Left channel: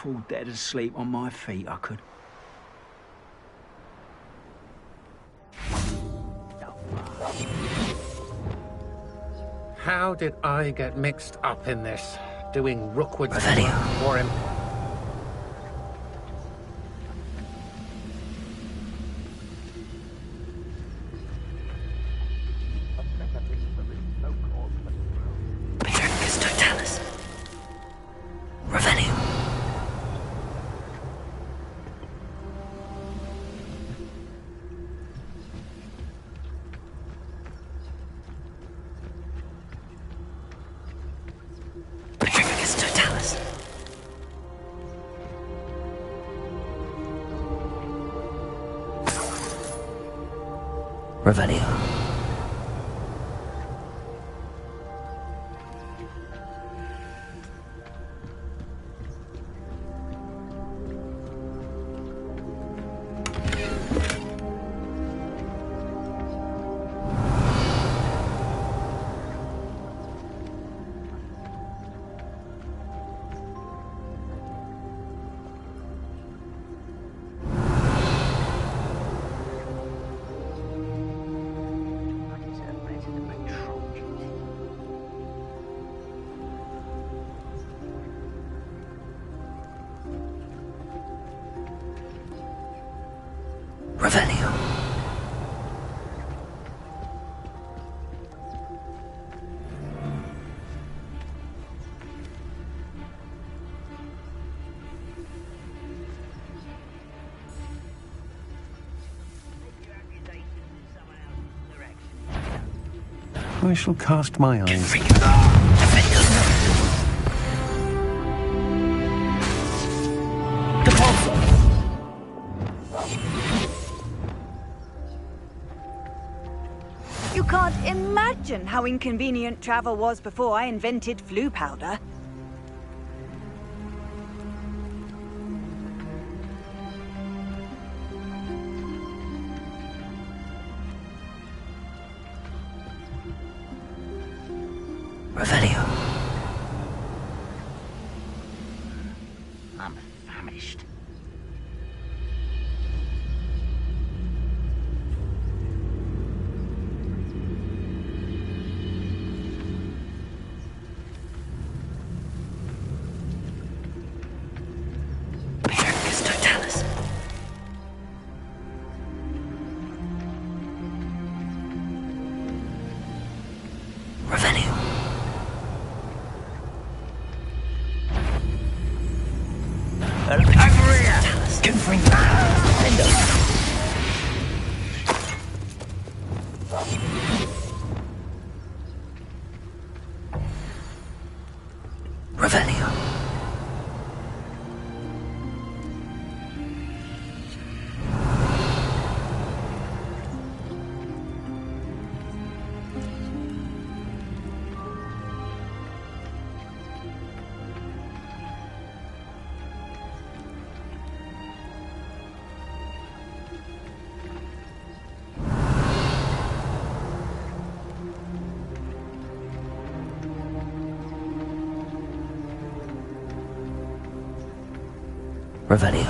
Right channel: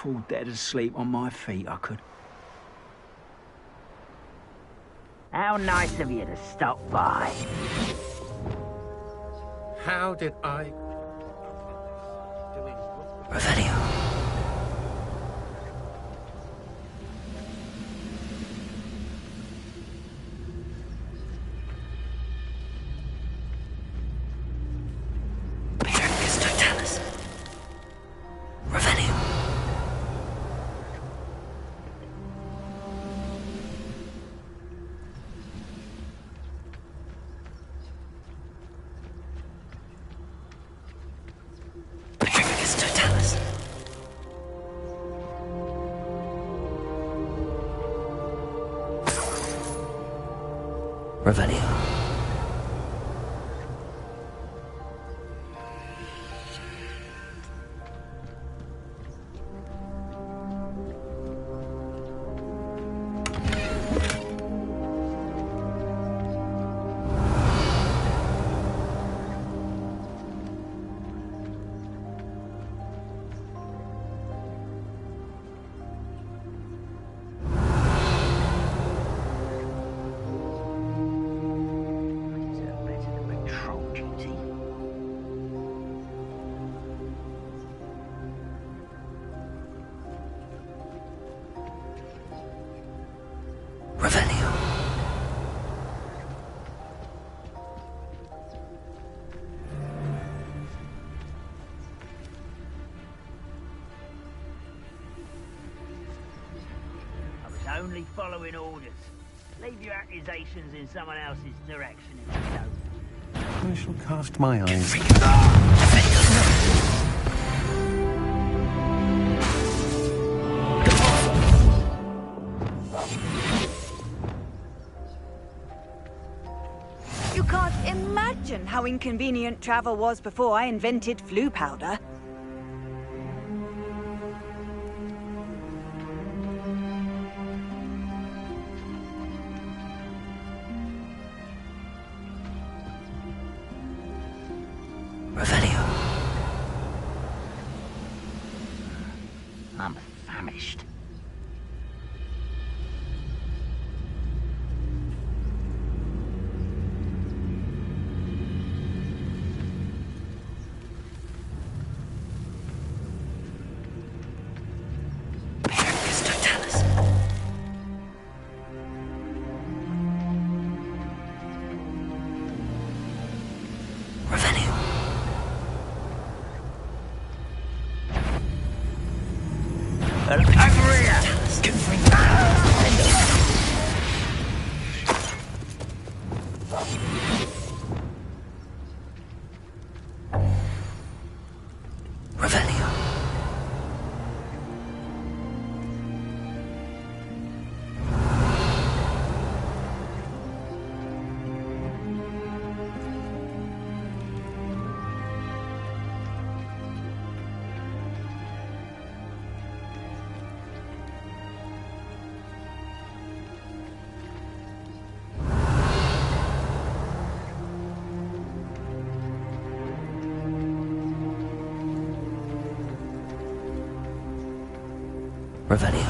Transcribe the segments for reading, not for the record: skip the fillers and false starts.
fall dead asleep on my feet, I could. How nice of you to stop by. How did I get mixed up in this? Doing Rookwood's Revelio. for him? Patricus Totalis. Revelio. Patricus Totalis. Revelio. I deserve better than patrol duty. Revelio. I was only following orders. Leave your accusations in someone else's direction if you don't. I shall cast my eyes. You can't imagine how inconvenient travel was before I invented flu powder. Revelio. I'm famished. Patricus Totalis. Revelio. Over here! Revelio. Revelio.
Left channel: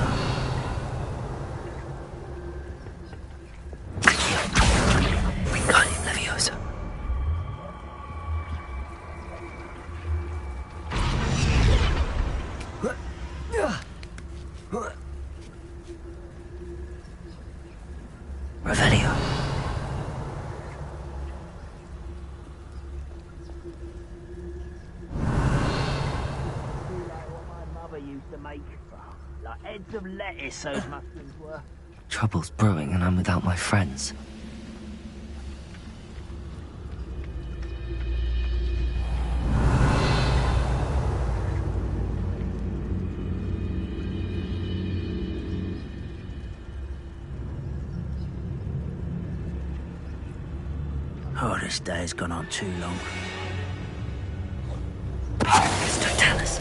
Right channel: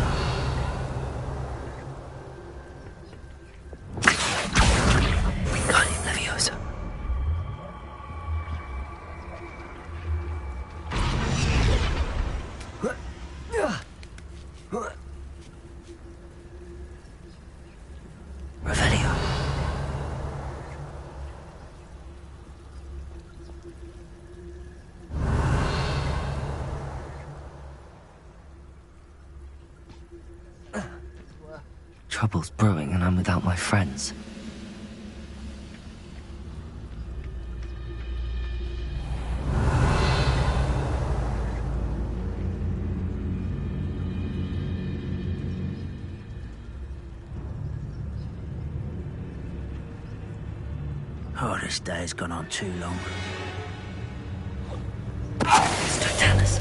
Wingardium Leviosa. Revelio. Mother used to make like heads of lettuce, those muffins were. Trouble's brewing and I'm without my friends. Oh, this day has gone on too long. Patricus Totalis.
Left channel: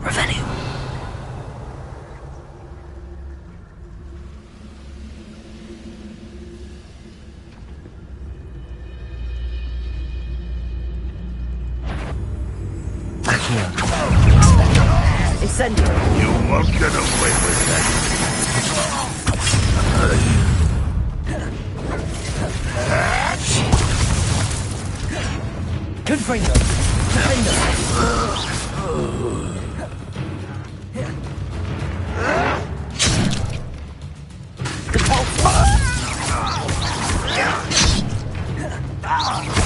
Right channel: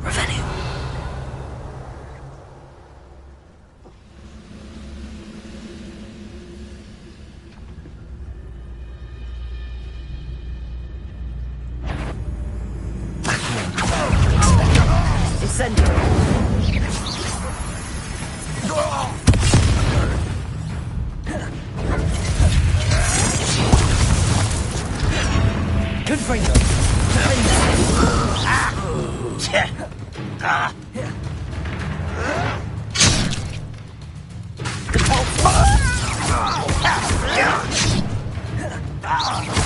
Revelio. Incendio. You won't get away with that. Confringo.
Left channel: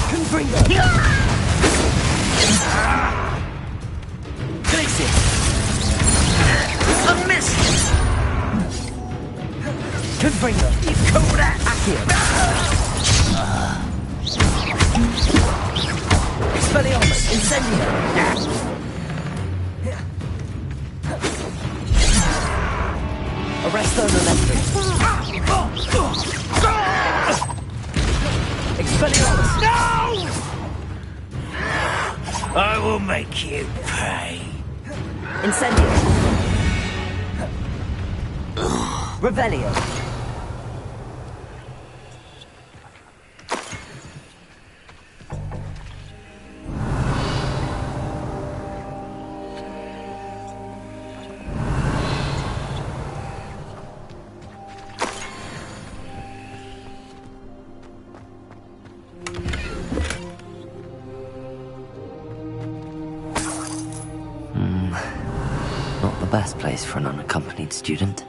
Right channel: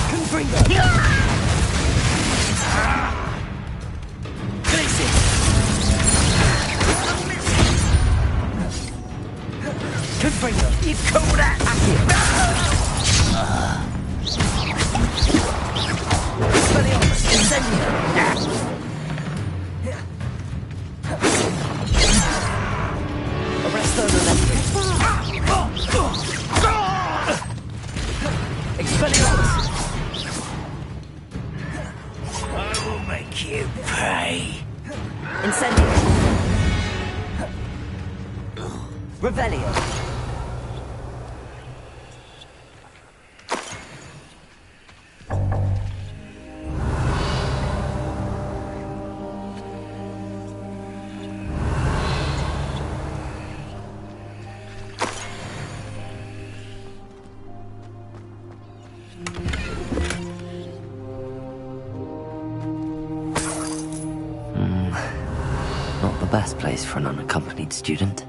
Confringo. Glacier. A miss. Confringo. You call that? Expelliarmus. Incendio. Arresto Electric. Expelliarmus. I will make you pay. Incendio. Revelio. Not the best place for an unaccompanied student.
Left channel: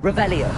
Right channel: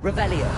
Revelio.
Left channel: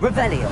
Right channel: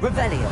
Revelio.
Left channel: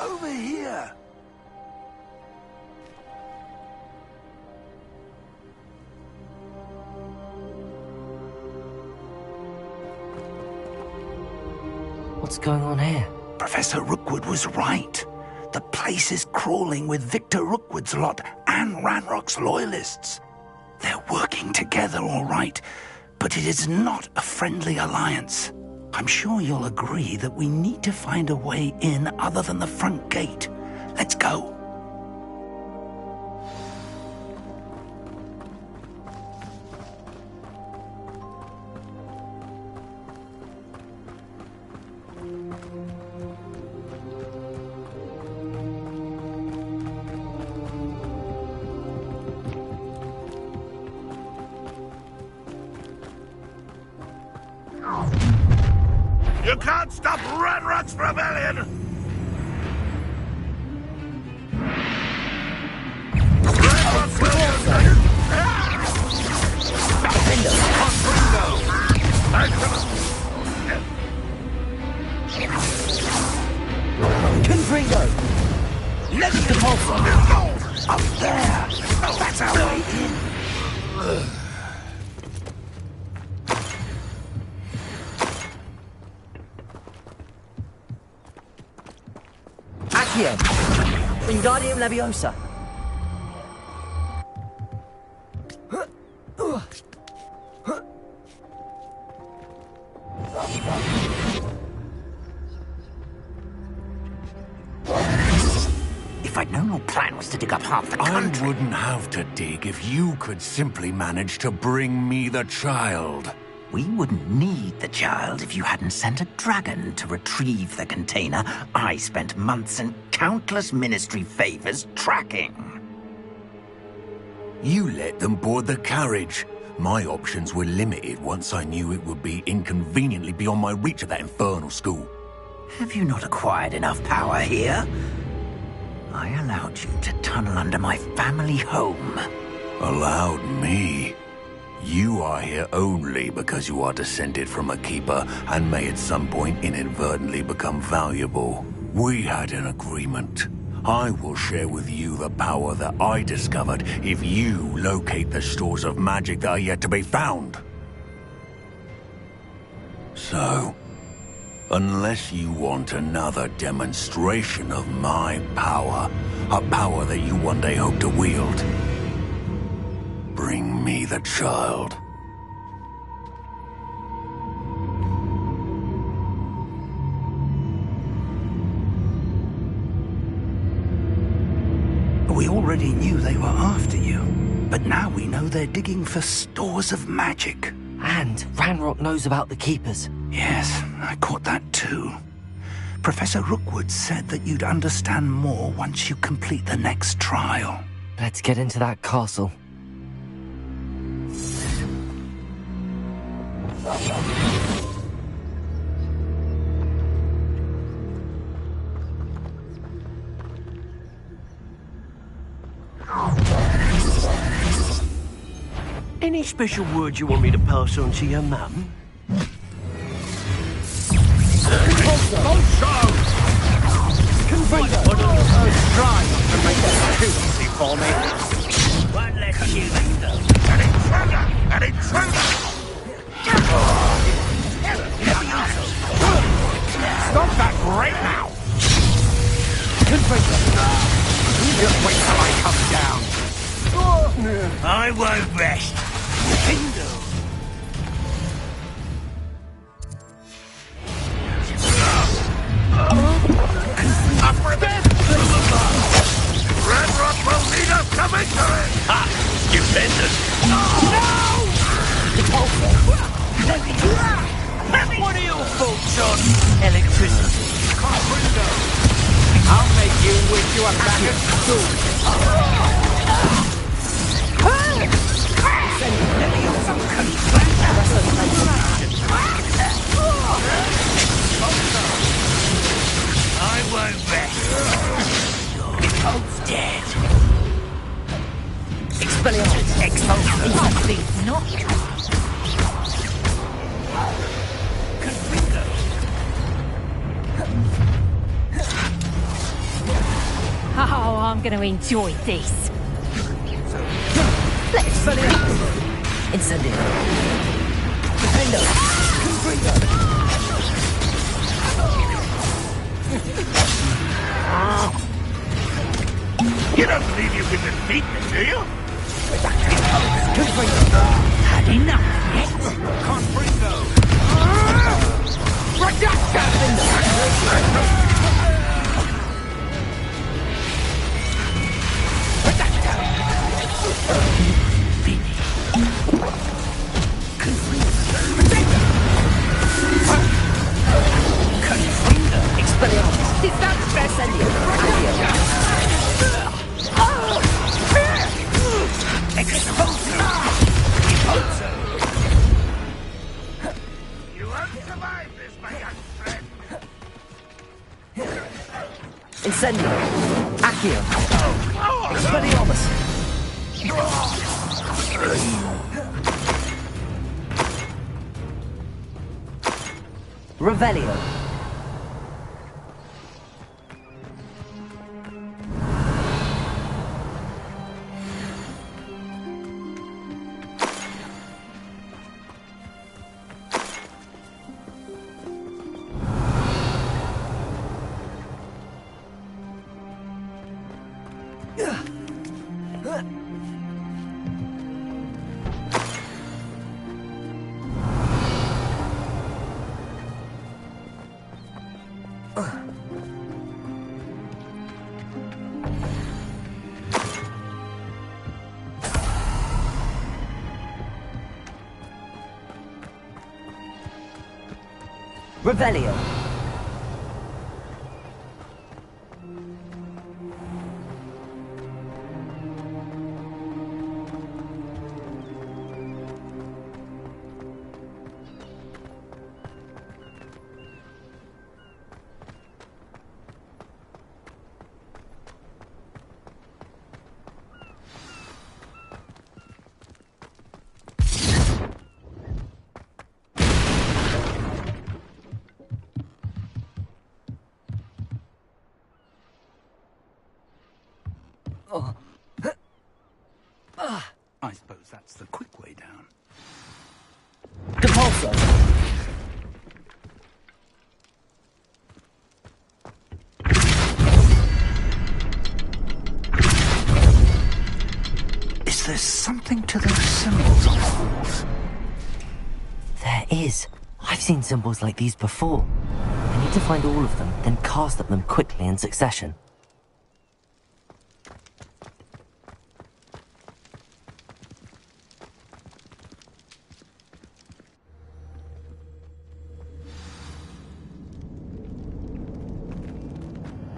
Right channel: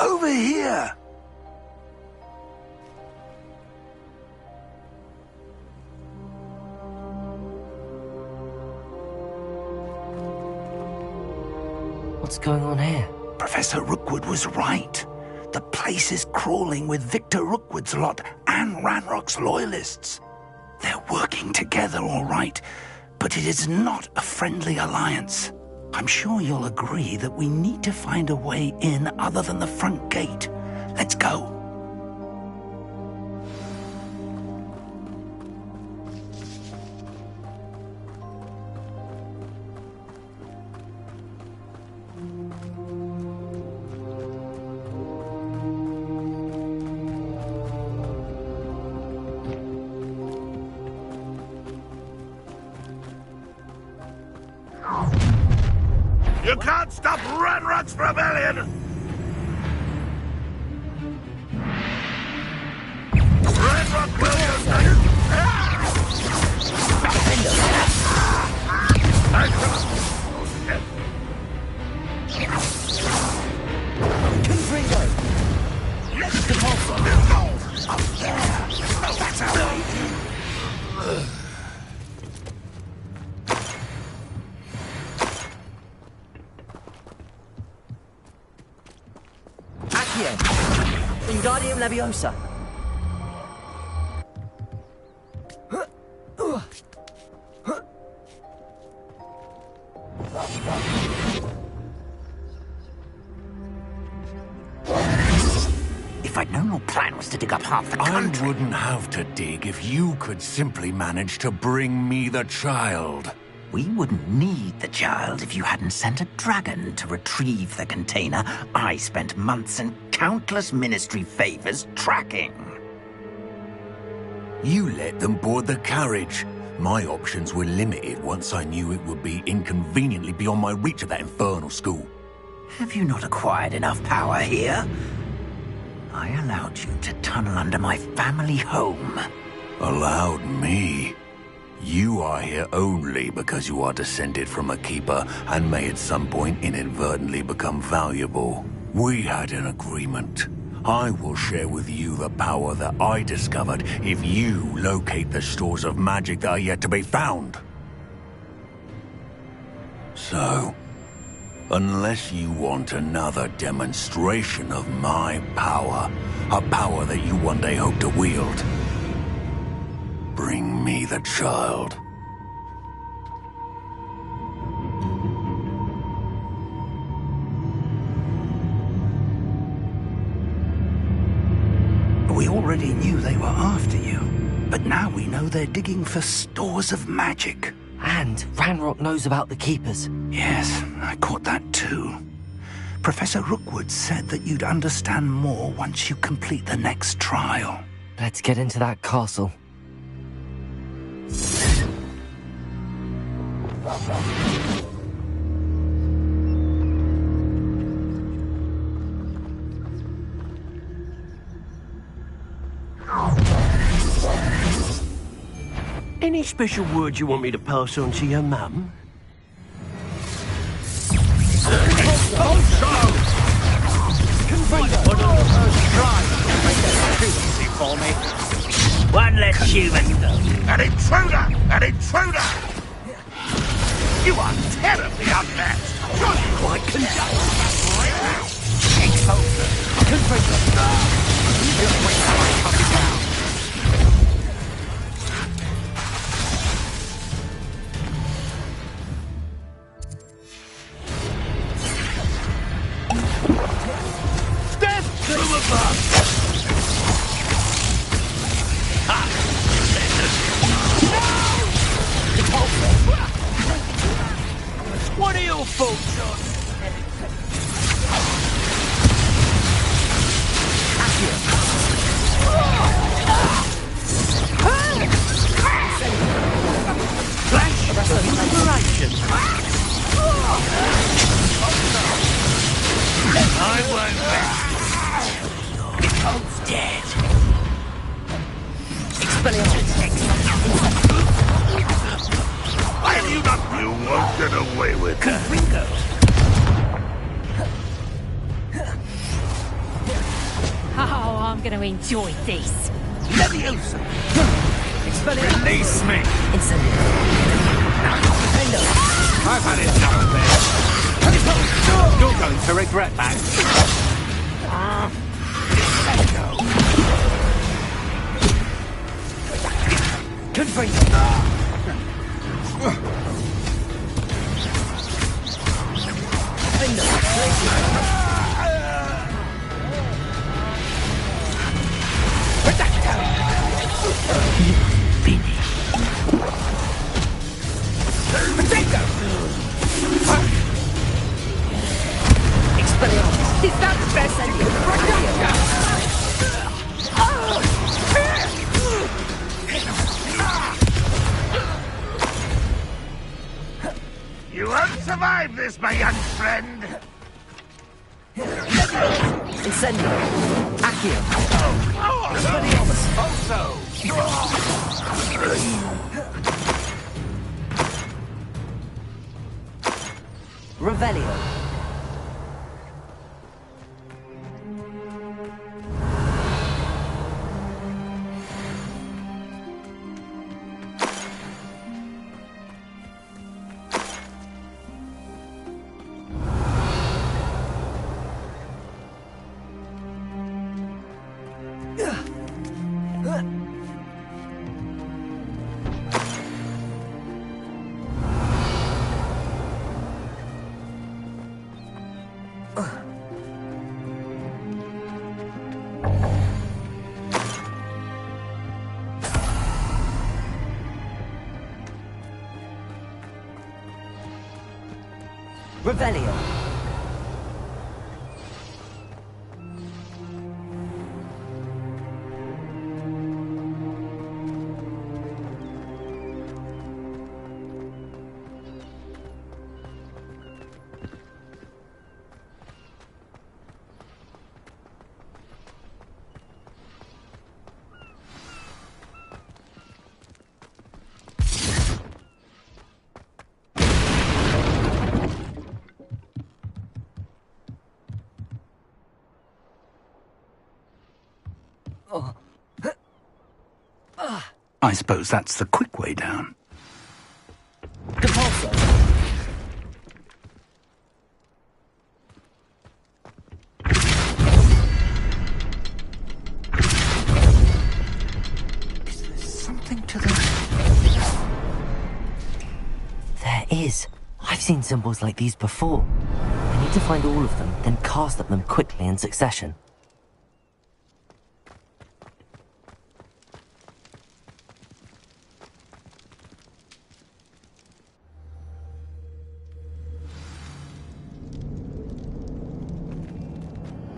Over here! What's going on here? Professor Rookwood was right. The place is crawling with Victor Rookwood's lot and Ranrock's loyalists. They're working together, all right, but it is not a friendly alliance. I'm sure you'll agree that we need to find a way in other than the front gate. Let's go. You can't stop Ranrock's rebellion! Ranrock will... Confringo! Let's the pulsar! Up there! That's our way in! Accio! Wingardium Leviosa! If I'd known your plan was to dig up half the country... I wouldn't have to dig if you could simply manage to bring me the child. We wouldn't need the child if you hadn't sent a dragon to retrieve the container I spent months and countless ministry favors tracking. You let them board the carriage. My options were limited once I knew it would be inconveniently beyond my reach at that infernal school. Have you not acquired enough power here? I allowed you to tunnel under my family home. Allowed me? You are here only because you are descended from a keeper and may at some point inadvertently become valuable. We had an agreement. I will share with you the power that I discovered if you locate the stores of magic that are yet to be found. So, unless you want another demonstration of my power, a power that you one day hope to wield, bring me the child. We already knew they were after you, but now we know they're digging for stores of magic. And Ranrock knows about the Keepers. Yes, I caught that too. Professor Rookwood said that you'd understand more once you complete the next trial. Let's get into that castle. Any special words you want me to pass on to your mum? One less human. An intruder! An intruder! You are terribly unmatched! Stop that right now! You just wait till I come down. I won't rest. What are your thoughts on electricity? I'll make you wish you were happier. I won't rest. You're both dead. Expelliarmus! Expelliarmus! You won't get away with it. Oh, I'm going to enjoy this. Expelliarmus! Incendio! Defendo! You're going to regret that. You don't believe you can defeat me, do you? Confringo! Had enough. Expelliarmus! Is that the best You won't survive this, my young friend! Incendio! Accio! Expelliarmus! Revelio! Revelio! I suppose that's the quick way down. Depulso! Is there something to those symbols? There is. I've seen symbols like these before. I need to find all of them, then cast at them quickly in succession.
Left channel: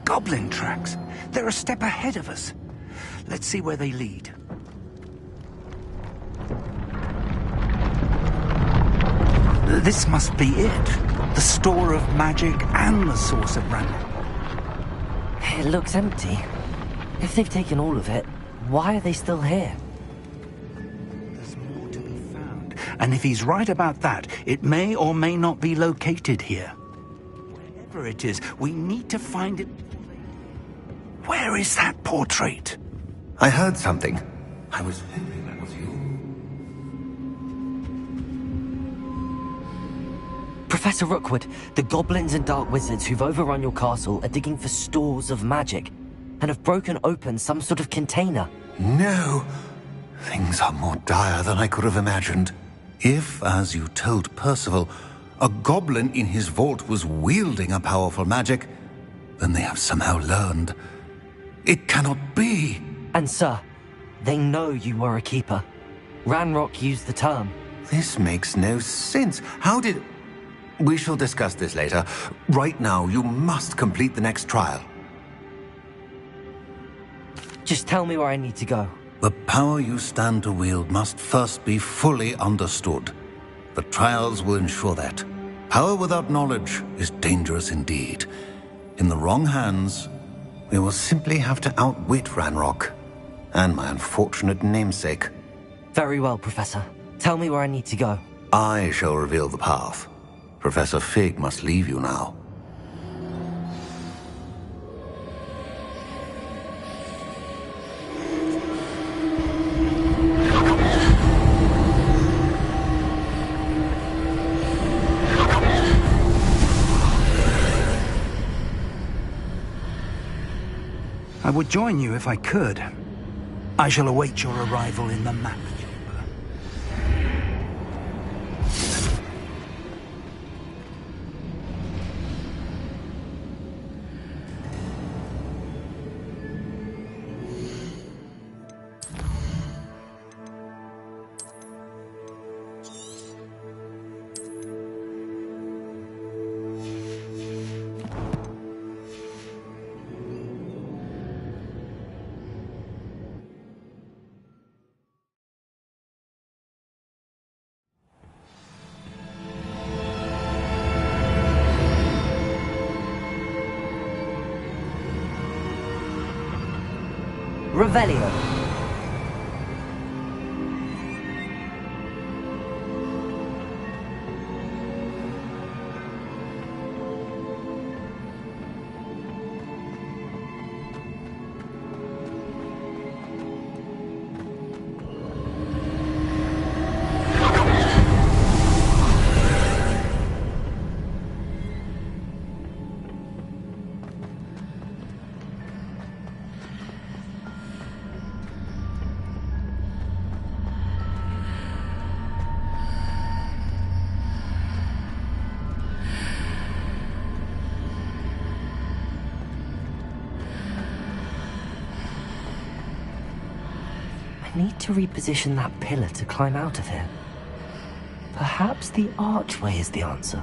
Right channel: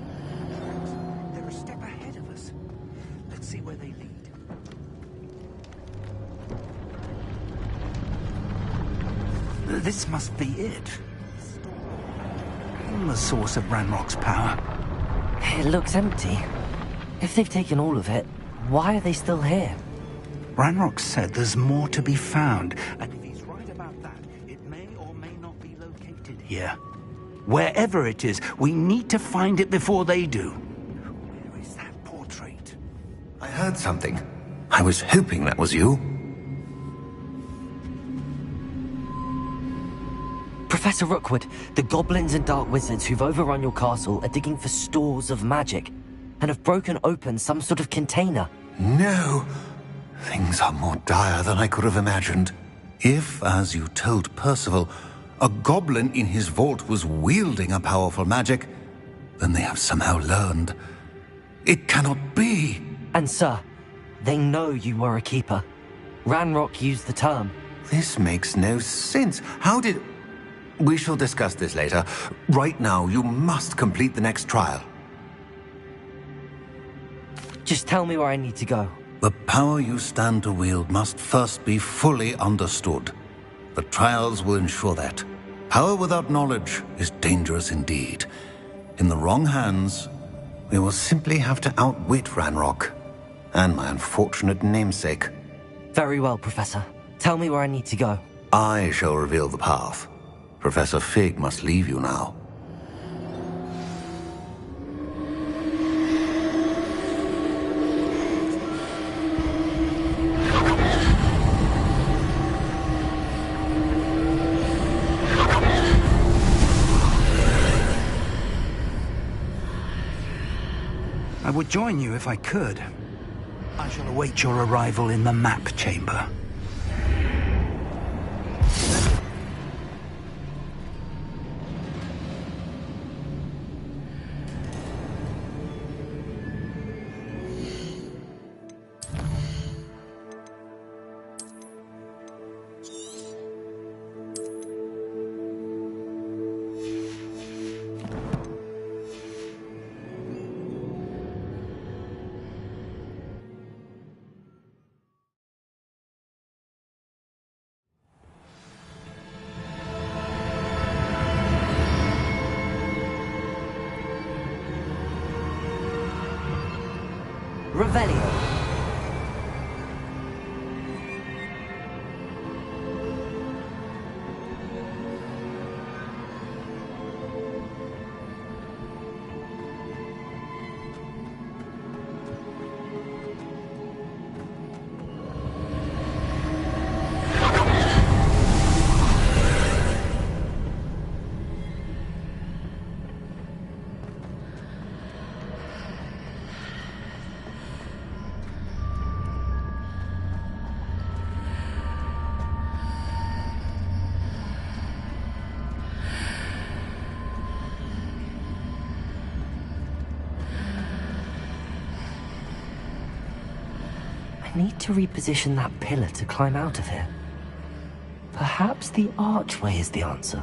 Goblin tracks. They're a step ahead of us. Let's see where they lead. This must be it. The store of magic and the source of Ranrock's power. It looks empty. If they've taken all of it, why are they still here? Ranrock said there's more to be found, and if he's right about that, it may or may not be located here. Wherever it is, we need to find it before they do. Where is that portrait? I heard something. I was hoping that was you. Professor Rookwood, the goblins and dark wizards who've overrun your castle are digging for stores of magic and have broken open some sort of container. No. Things are more dire than I could have imagined. If, as you told Percival, a goblin in his vault was wielding a powerful magic, then they have somehow learned. It cannot be. And sir, they know you were a keeper. Ranrock used the term. This makes no sense. How did... We shall discuss this later. Right now, you must complete the next trial. Just tell me where I need to go. The power you stand to wield must first be fully understood. The trials will ensure that. Power without knowledge is dangerous indeed. In the wrong hands, we will simply have to outwit Ranrock and my unfortunate namesake. Very well, Professor. Tell me where I need to go. I shall reveal the path. Professor Fig must leave you now. I would join you if I could. I shall await your arrival in the map chamber. Revelio. I need to reposition that pillar to climb out of here. Perhaps the archway is the answer.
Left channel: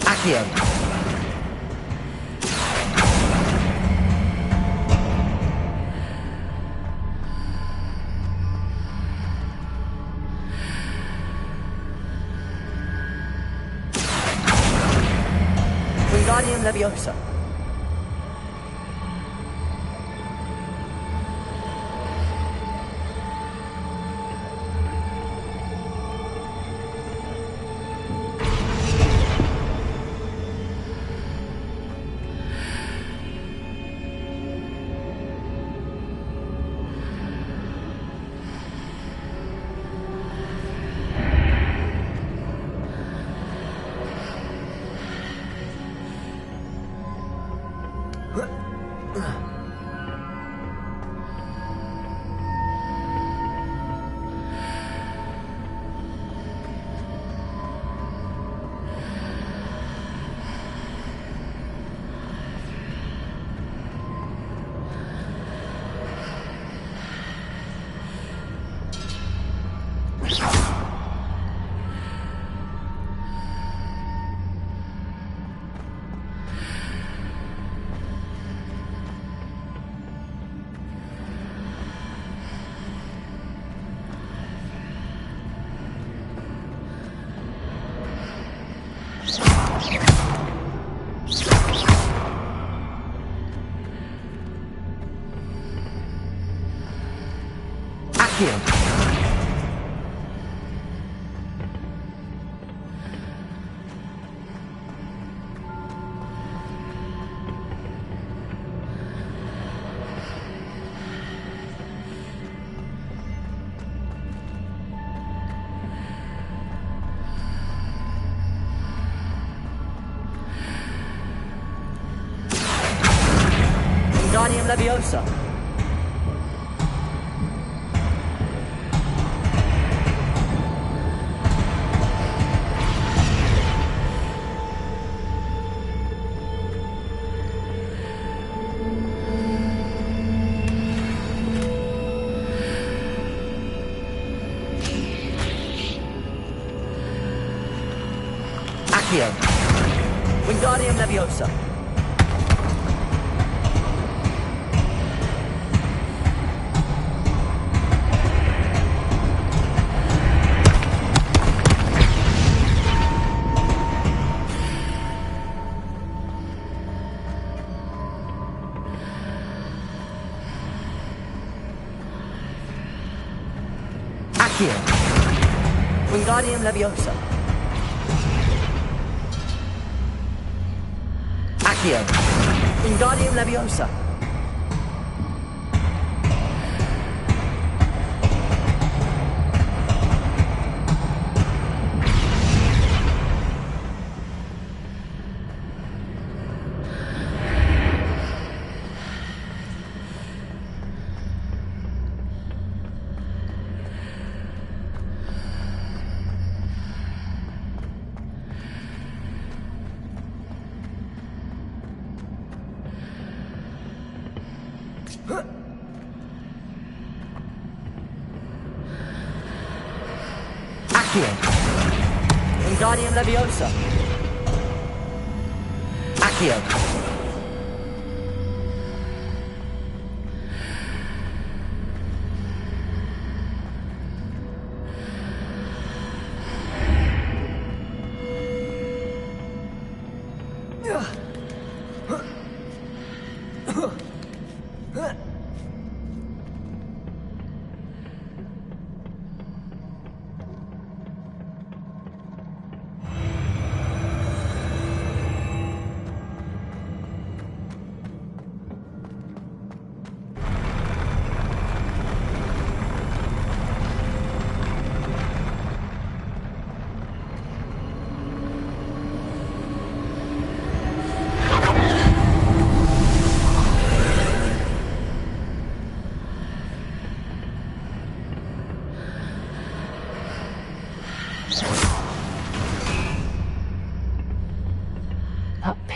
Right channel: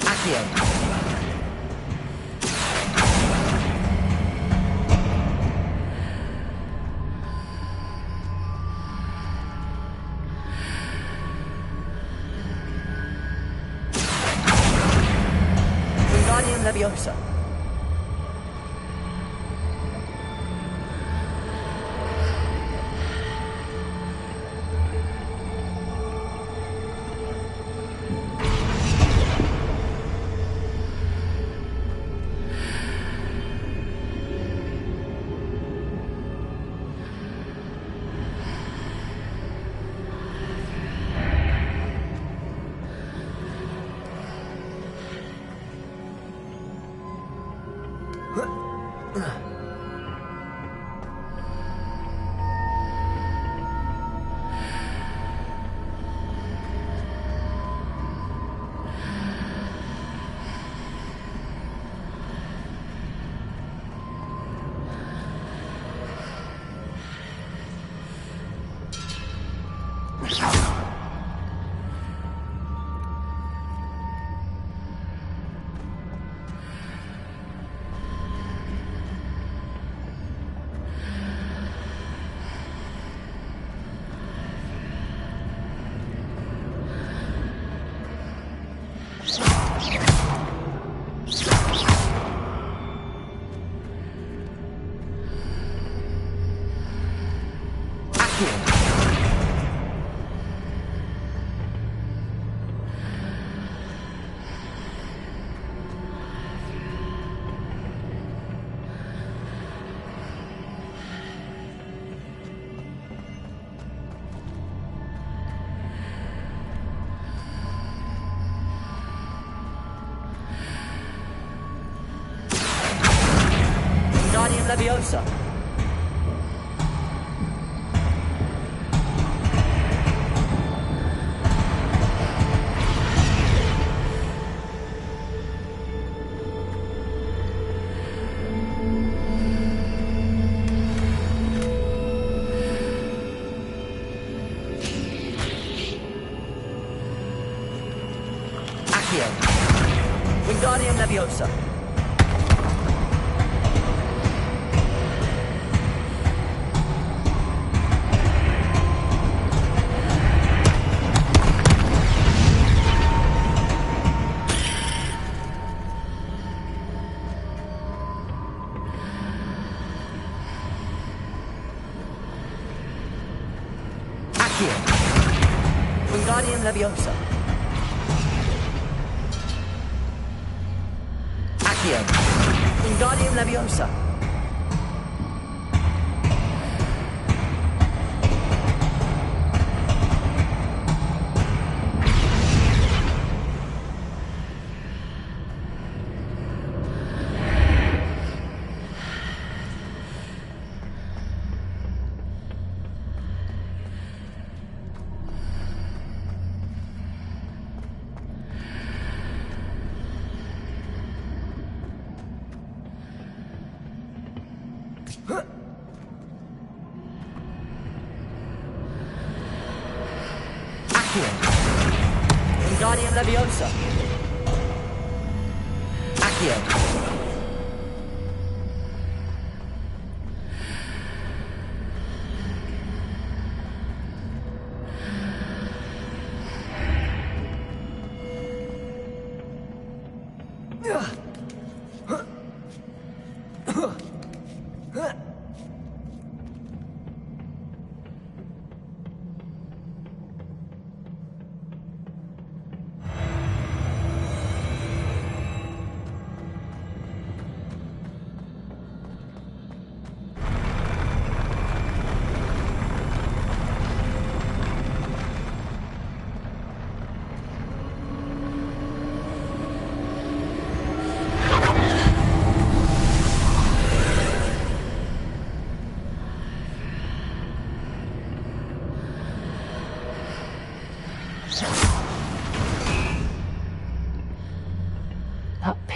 Accio. Leviosa. Leviosa. Accio. Wingardium Leviosa. Wingardium Leviosa. Accio. Wingardium Leviosa. Accio. Wingardium Leviosa. Accio.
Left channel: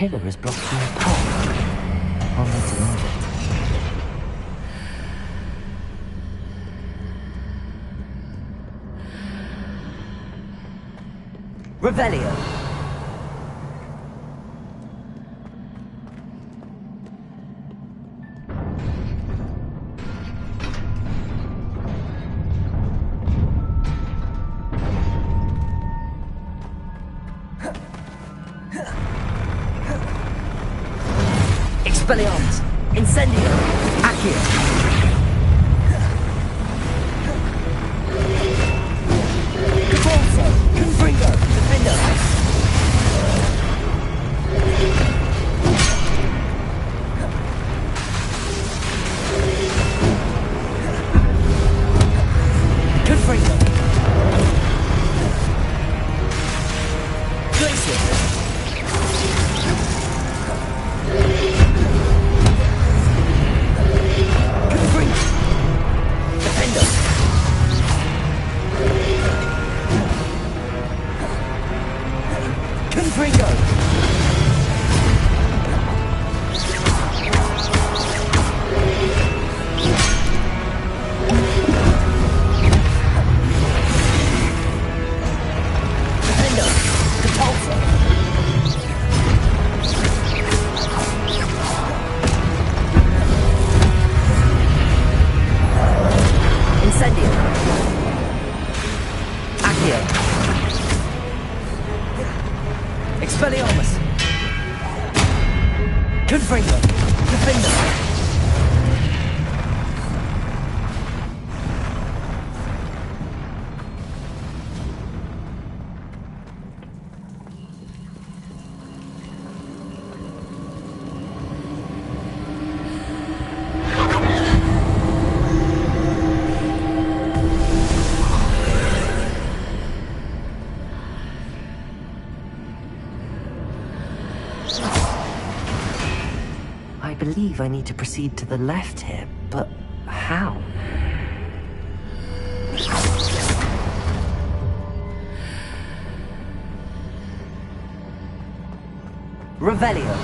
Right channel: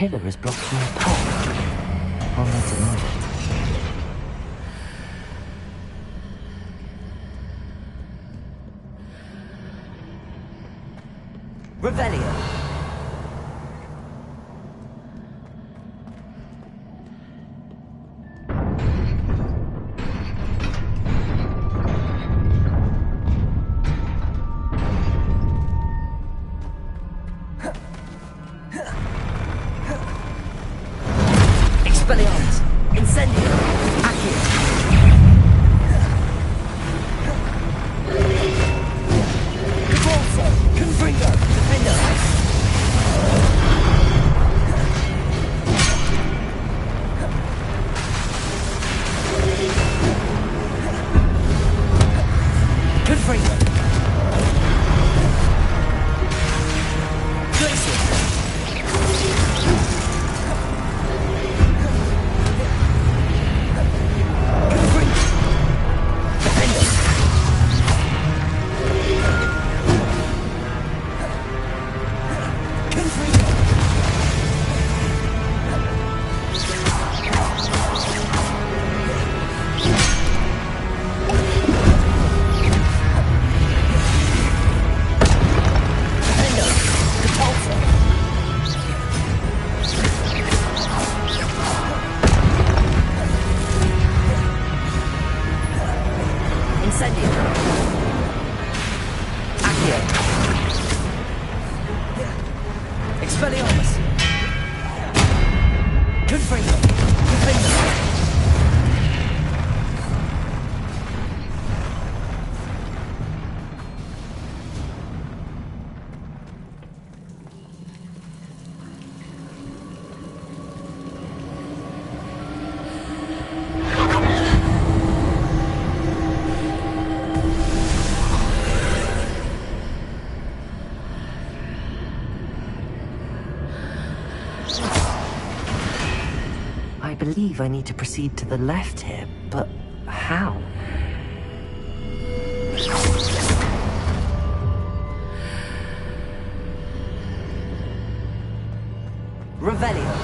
pillar is blocking the path. I'll need to move it. Revelio. Expelliarmus. Incendio. Accio. Cabalso. Confringo. Defender. Confringo. Glacier. Expelliarmus! Confringo! Defender! I believe I need to proceed to the left here, but how? Revelio.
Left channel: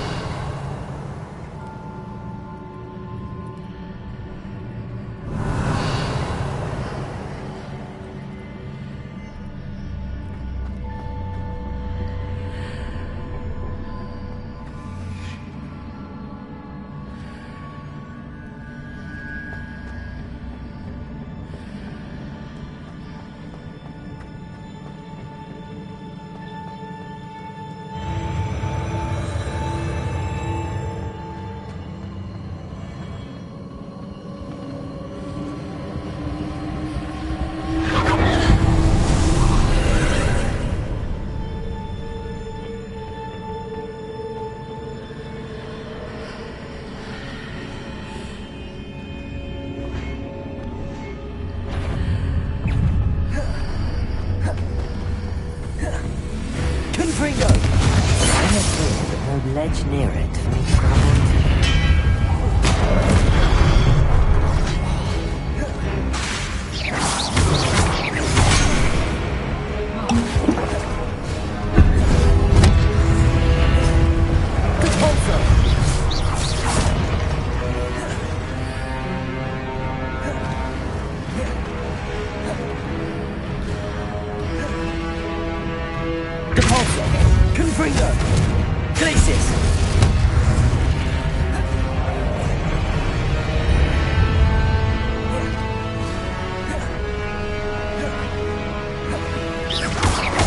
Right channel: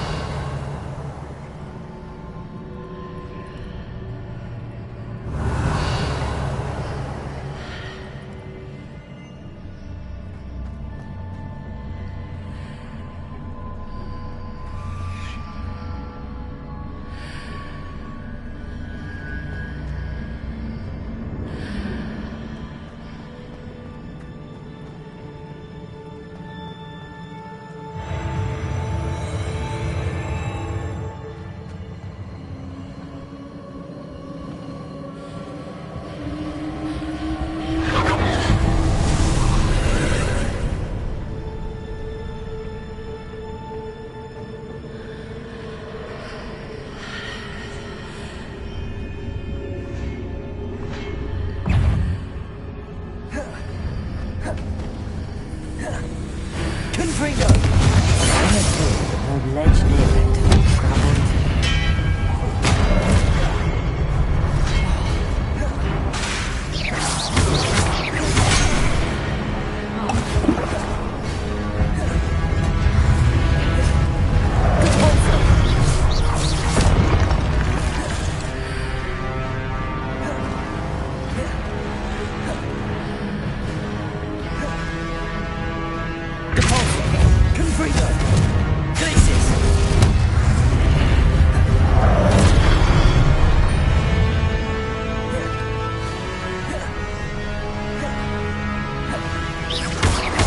Confringo! No ledge near it. Confringo! Glacius!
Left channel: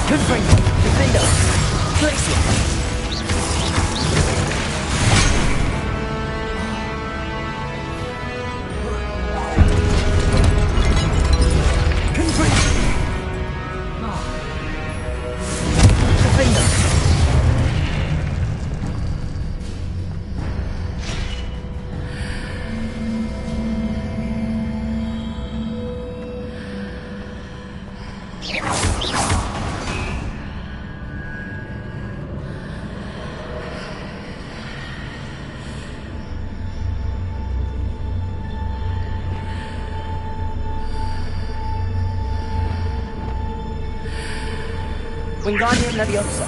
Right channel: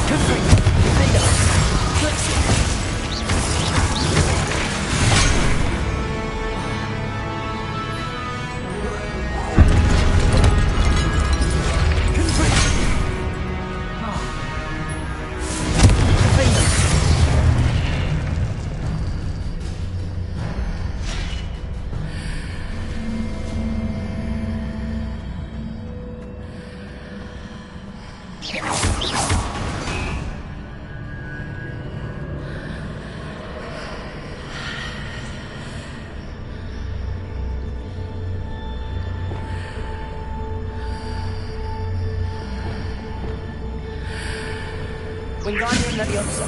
Confringo! Defender! Glacius! Wingardium Leviosa.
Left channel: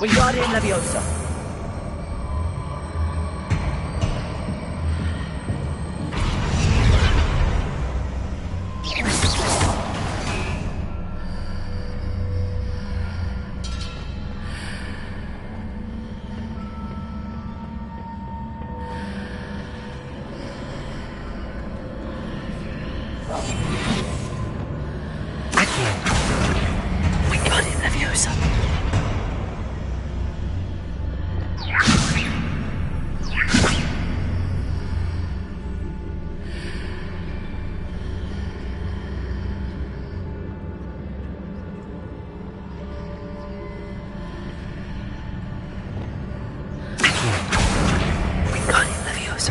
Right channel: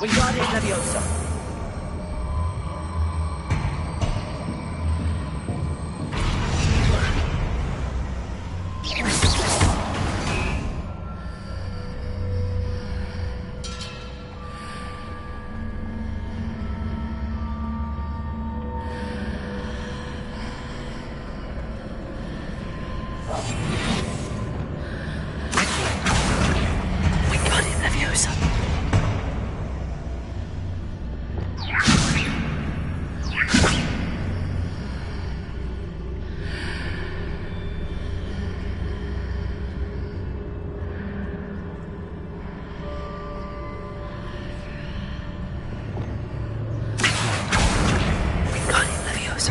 Wingardium Leviosa. Wingardium Leviosa. Wingardium Leviosa.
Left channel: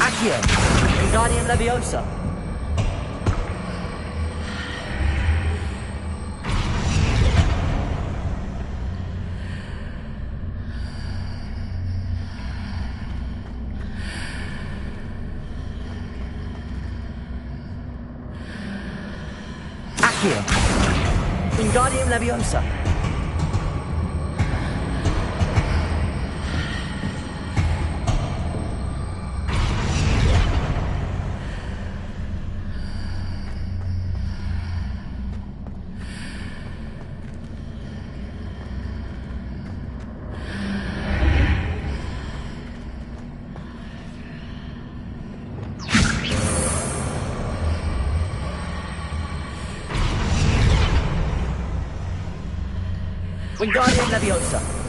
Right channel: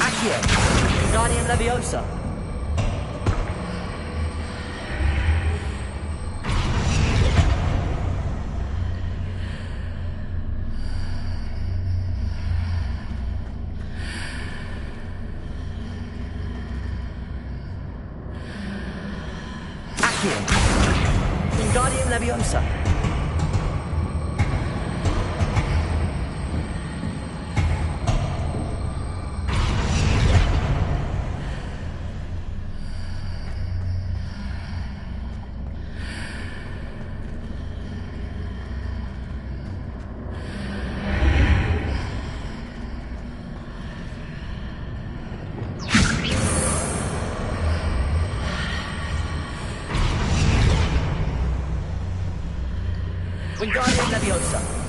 Accio. Wingardium Leviosa. Accio. Wingardium Leviosa. Wingardium Leviosa.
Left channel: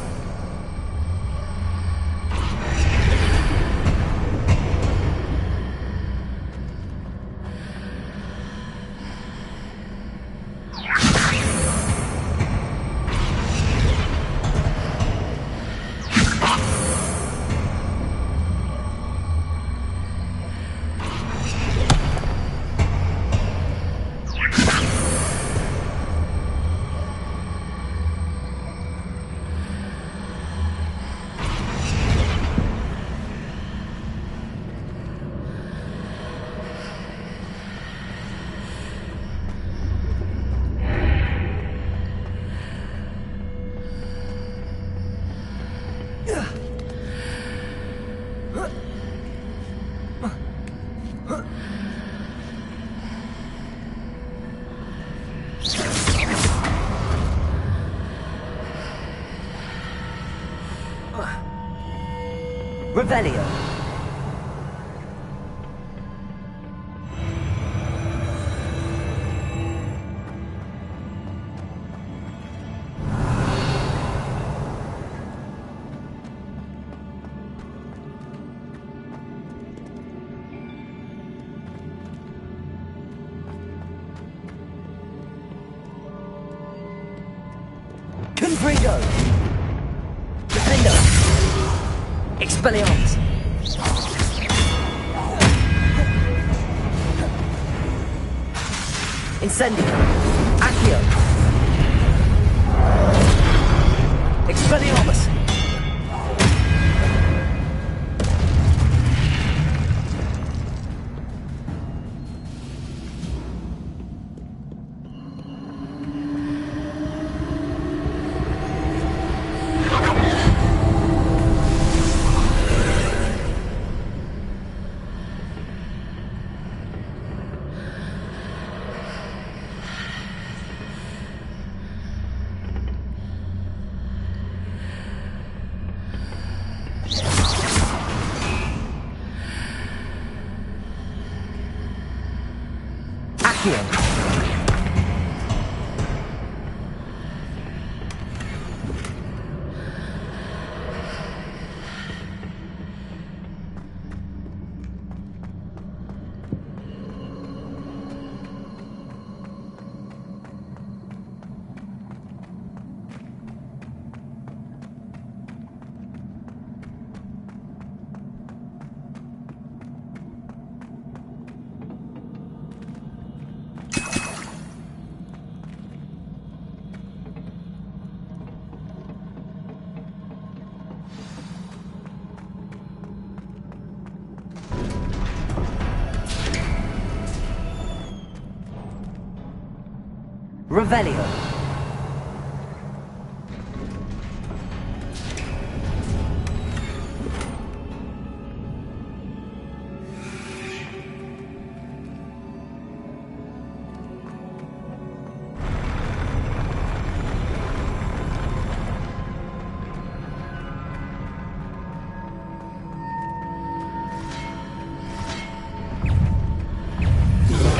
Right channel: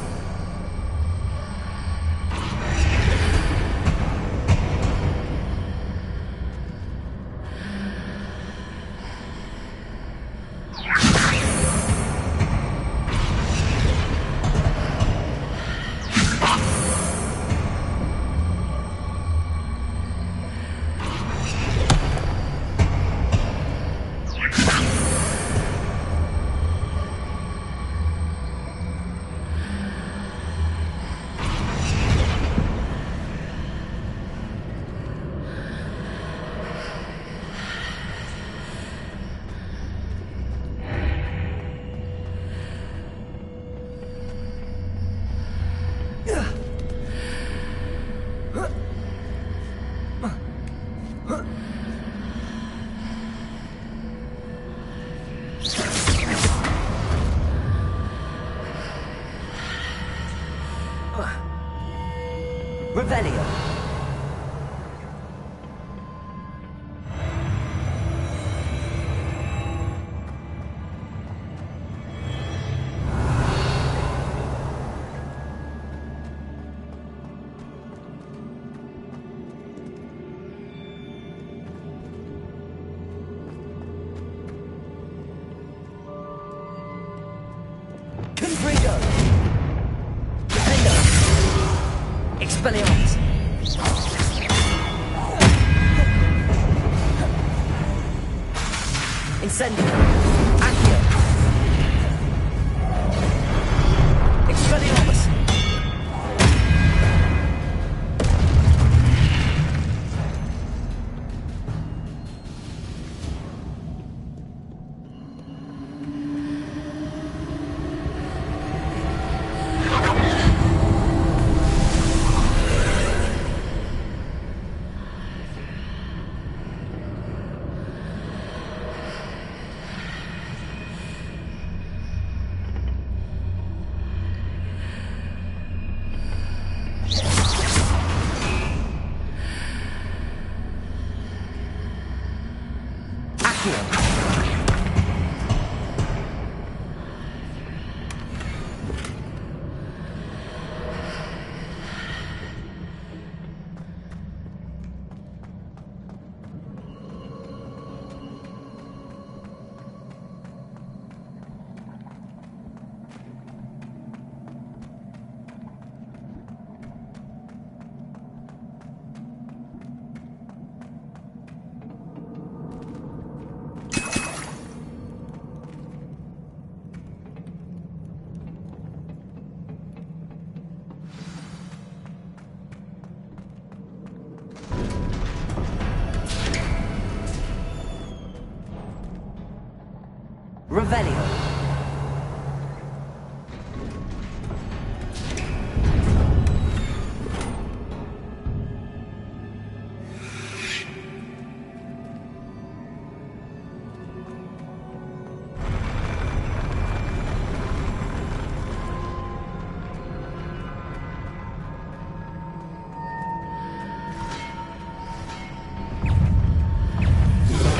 Revelio. Confringo. Defendo. Expelliarmus. Incendio. Accio. Expelliarmus. Accio. Revelio.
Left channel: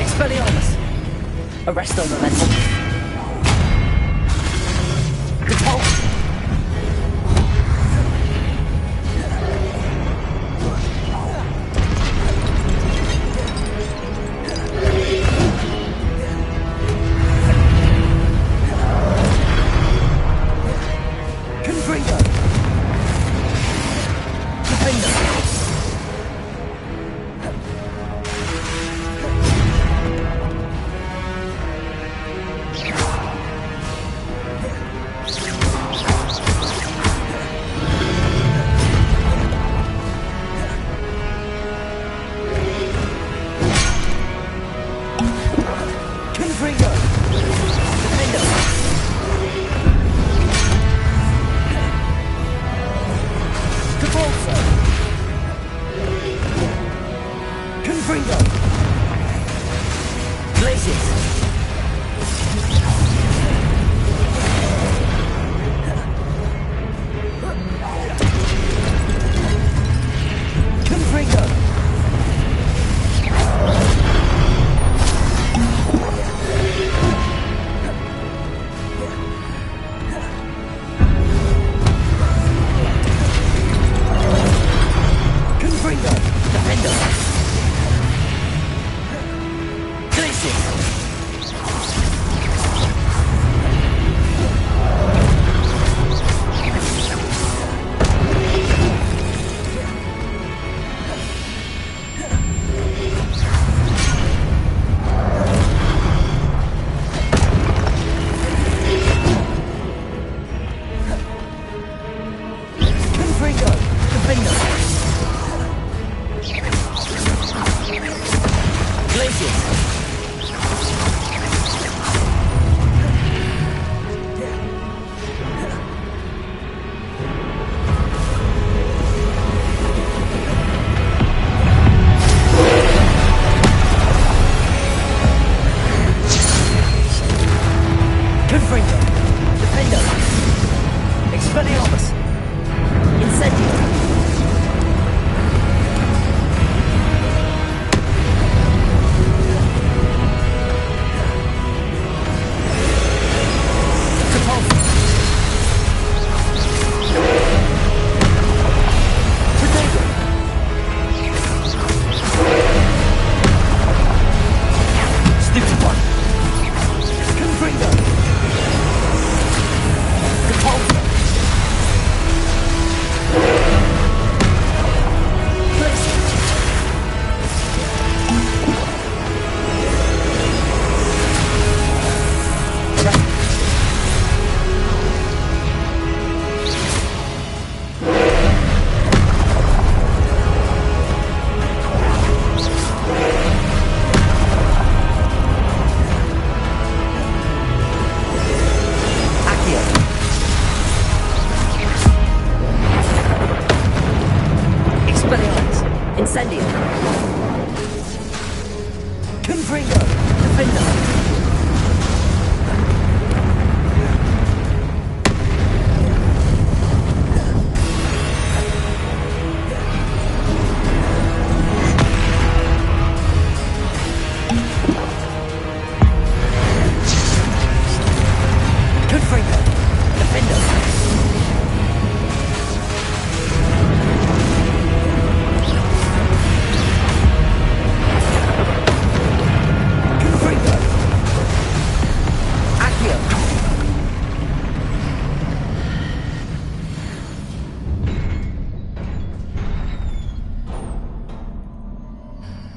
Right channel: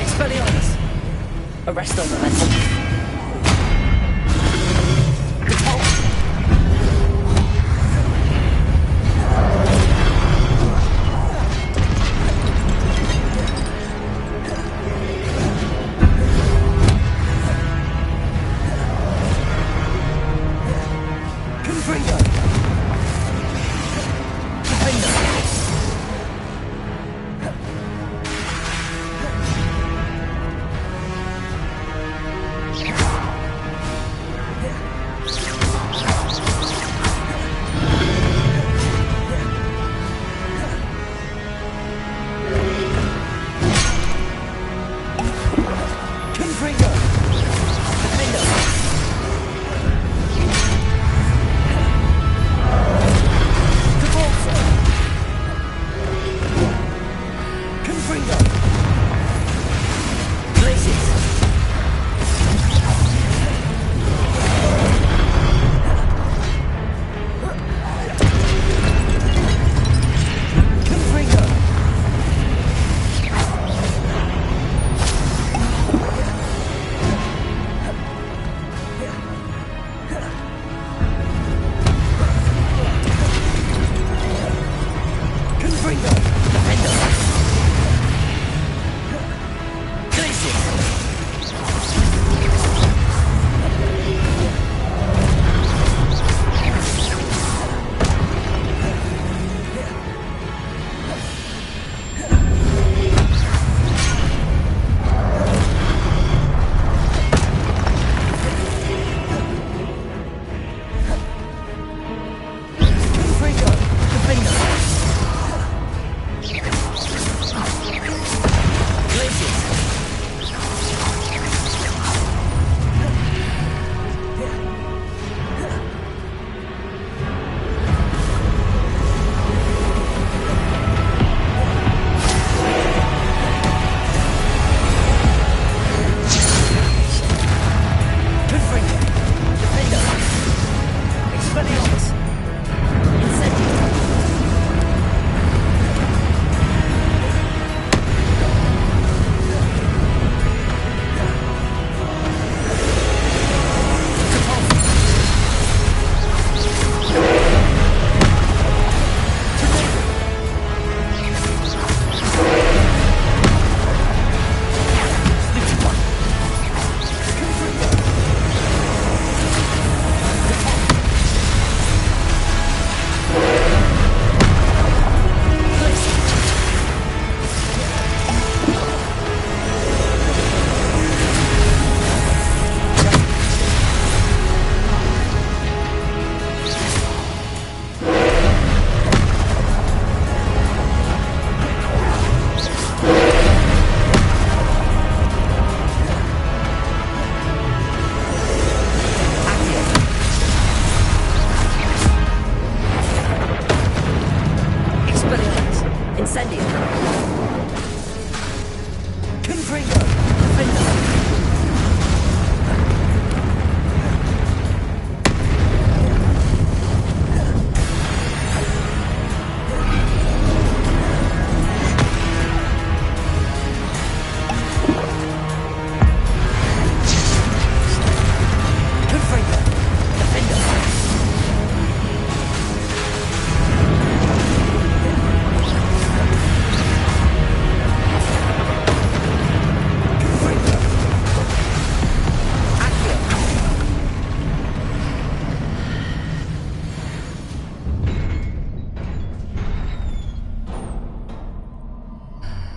Expelliarmus. Arresto momentum.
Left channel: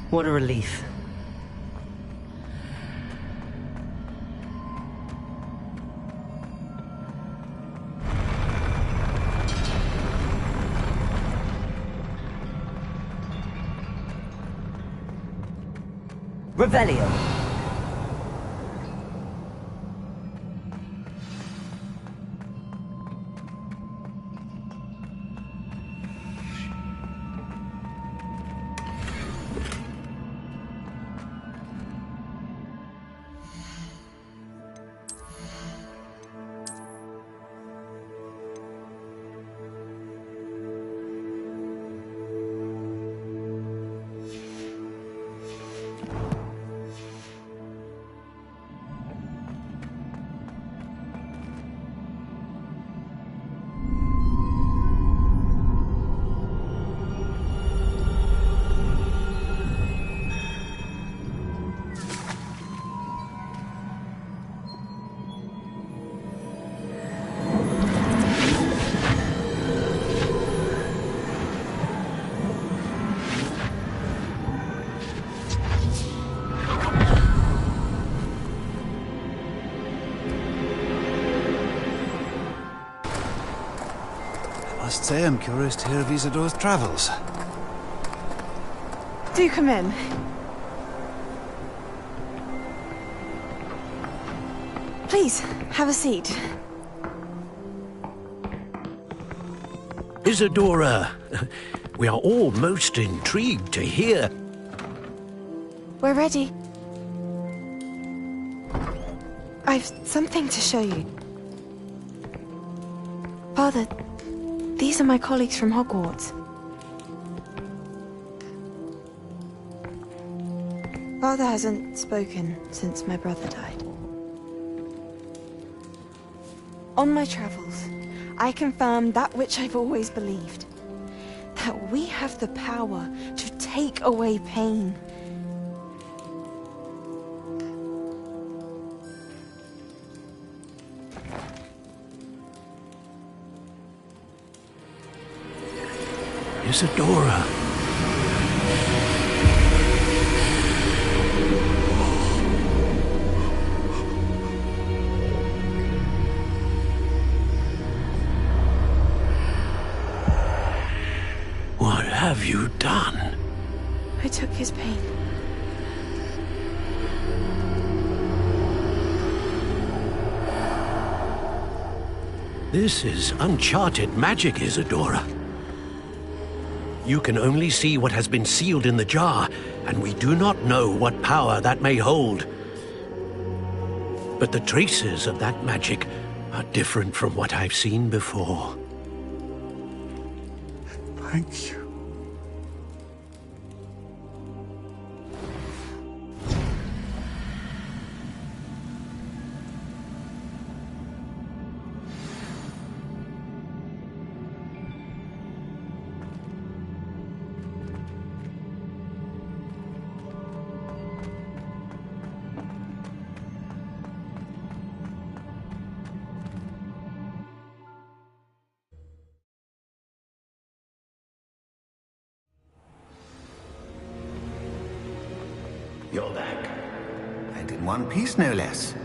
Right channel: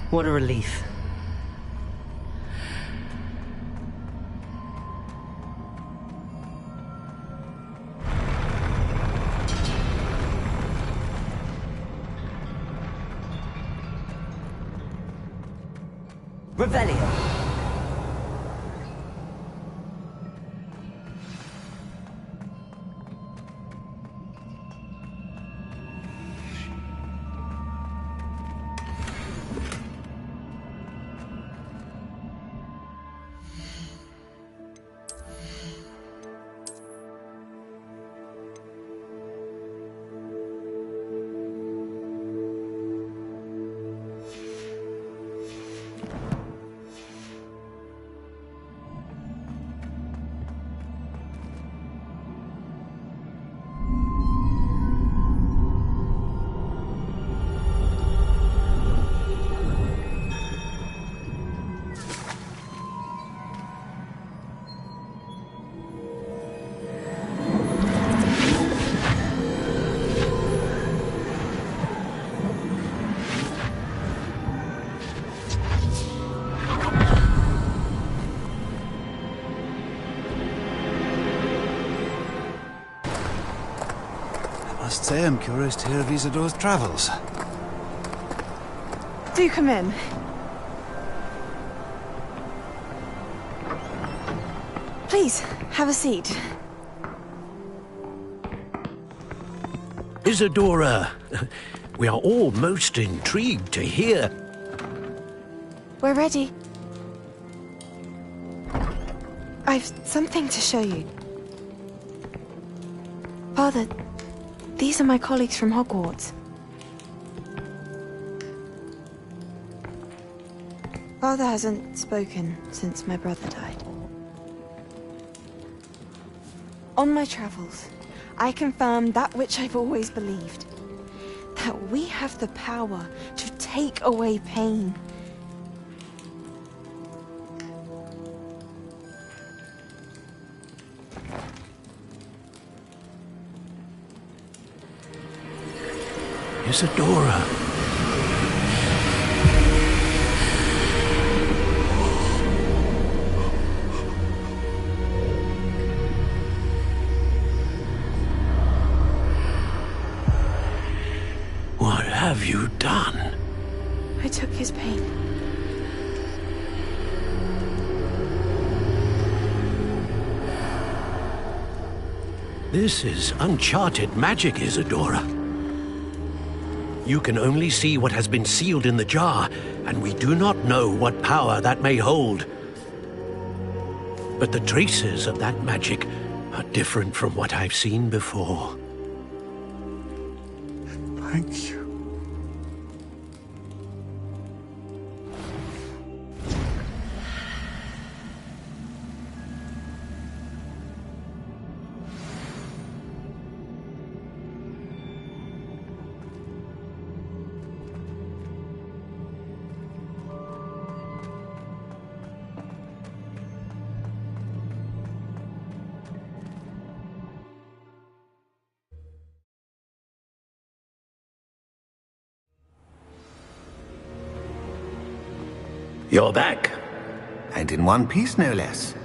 What a relief. Revelio. I must say I'm curious to hear of Isadora's travels. Do come in. Please, have a seat. Isadora, we are all most intrigued to hear. We're ready. I've something to show you. Father, these are my colleagues from Hogwarts. Father hasn't spoken since my brother died. On my travels, I confirmed that which I've always believed. That we have the power to take away pain. Isadora. What have you done? I took his pain. This is uncharted magic, Isadora. You can only see what has been sealed in the jar, and we do not know what power that may hold. But the traces of that magic are different from what I've seen before. Thank you. You're back. And in one piece, no less.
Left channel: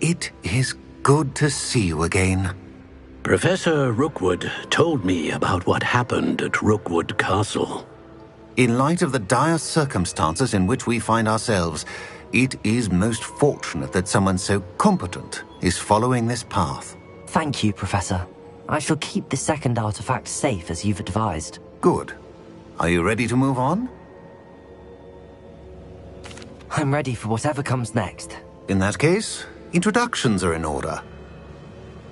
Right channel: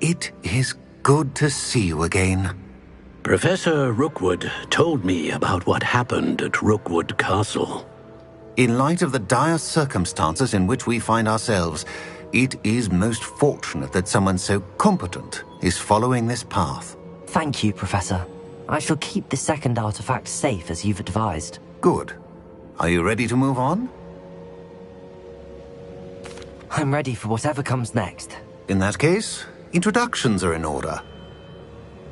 It is good to see you again. Professor Rookwood told me about what happened at Rookwood Castle. In light of the dire circumstances in which we find ourselves, it is most fortunate that someone so competent is following this path. Thank you, Professor. I shall keep the second artifact safe as you've advised. Good. Are you ready to move on? I'm ready for whatever comes next. In that case, introductions are in order.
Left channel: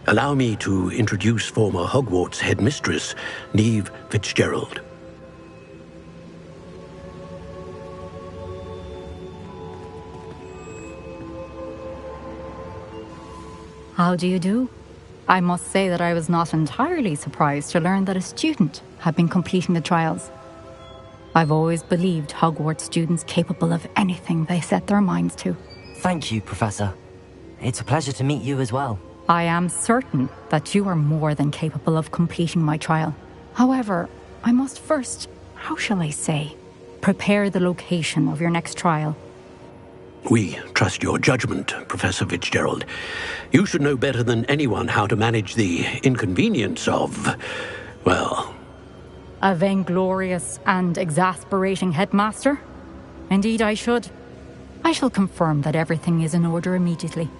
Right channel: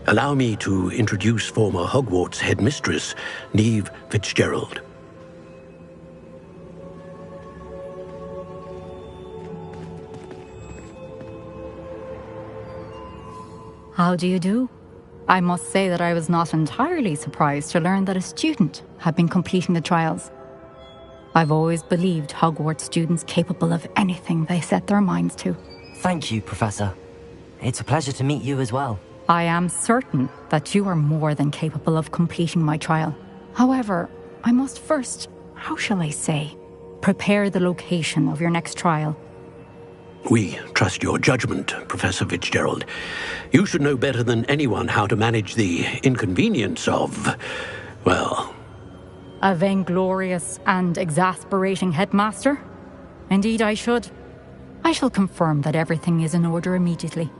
Allow me to introduce former Hogwarts headmistress, Neve Fitzgerald. How do you do? I must say that I was not entirely surprised to learn that a student had been completing the trials. I've always believed Hogwarts students capable of anything they set their minds to. Thank you, Professor. It's a pleasure to meet you as well. I am certain that you are more than capable of completing my trial. However, I must first, how shall I say, prepare the location of your next trial. We trust your judgment, Professor Fitzgerald. You should know better than anyone how to manage the inconvenience of, well... A vainglorious and exasperating headmaster? Indeed I should. I shall confirm that everything is in order immediately.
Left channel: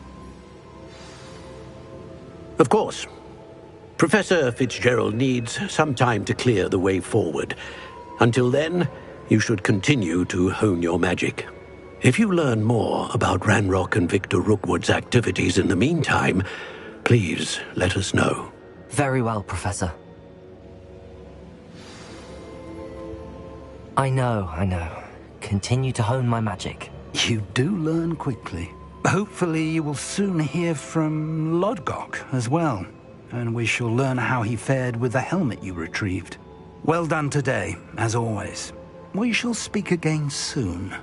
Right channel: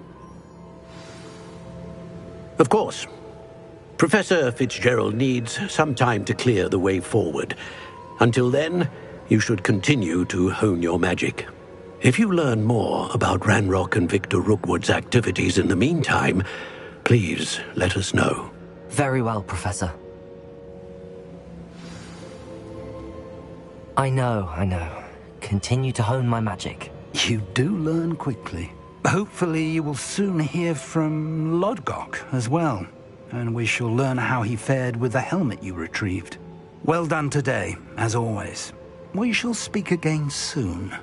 Of course. Professor Fitzgerald needs some time to clear the way forward. Until then, you should continue to hone your magic. If you learn more about Ranrock and Victor Rookwood's activities in the meantime, please let us know. Very well, Professor. I know. Continue to hone my magic. You do learn quickly. Hopefully you will soon hear from Lodgok as well, and we shall learn how he fared with the helmet you retrieved. Well done today, as always. We shall speak again soon.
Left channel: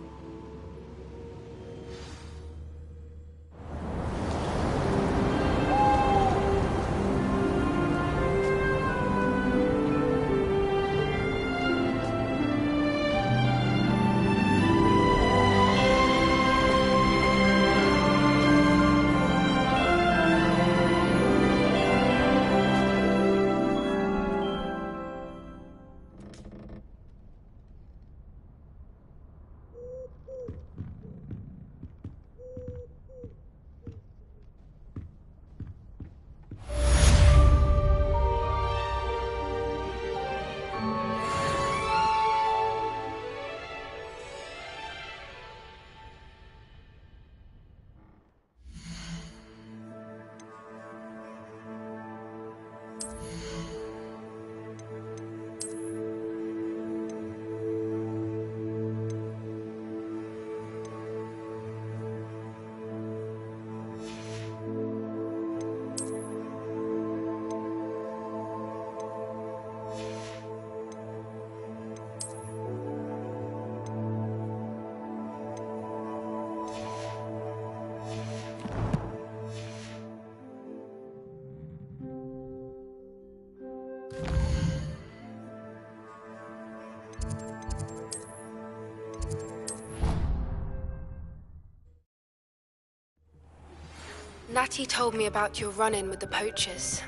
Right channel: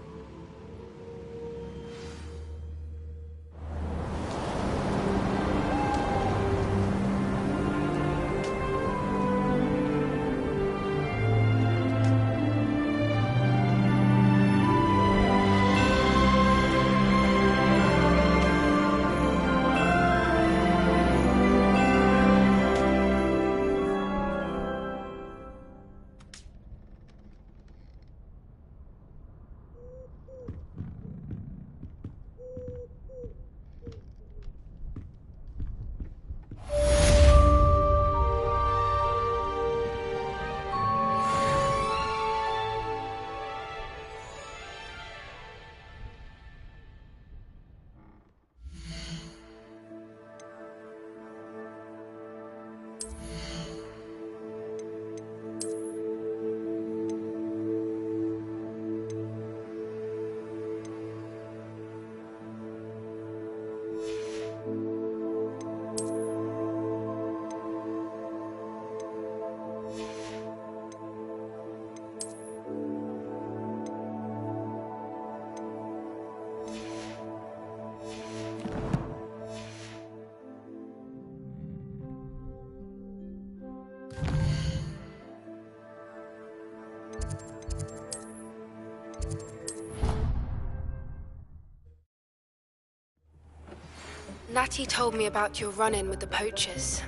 Natty told me about your run-in with the poachers.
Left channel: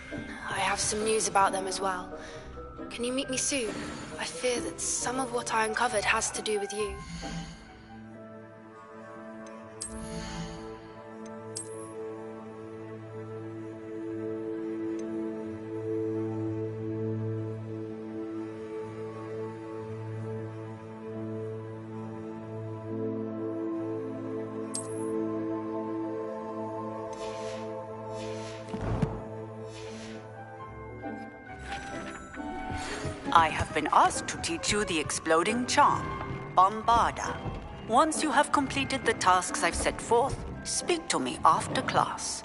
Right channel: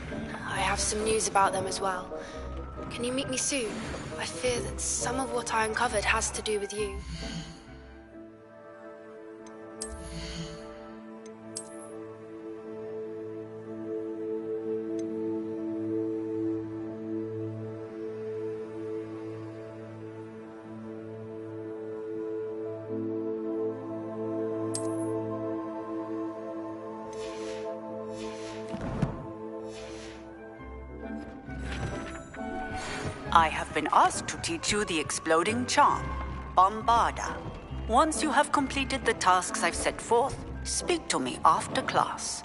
I have some news about them as well. Can you meet me soon? I fear that some of what I uncovered has to do with you. I have been asked to teach you the exploding charm, Bombarda. Once you have completed the tasks I've set forth, speak to me after class.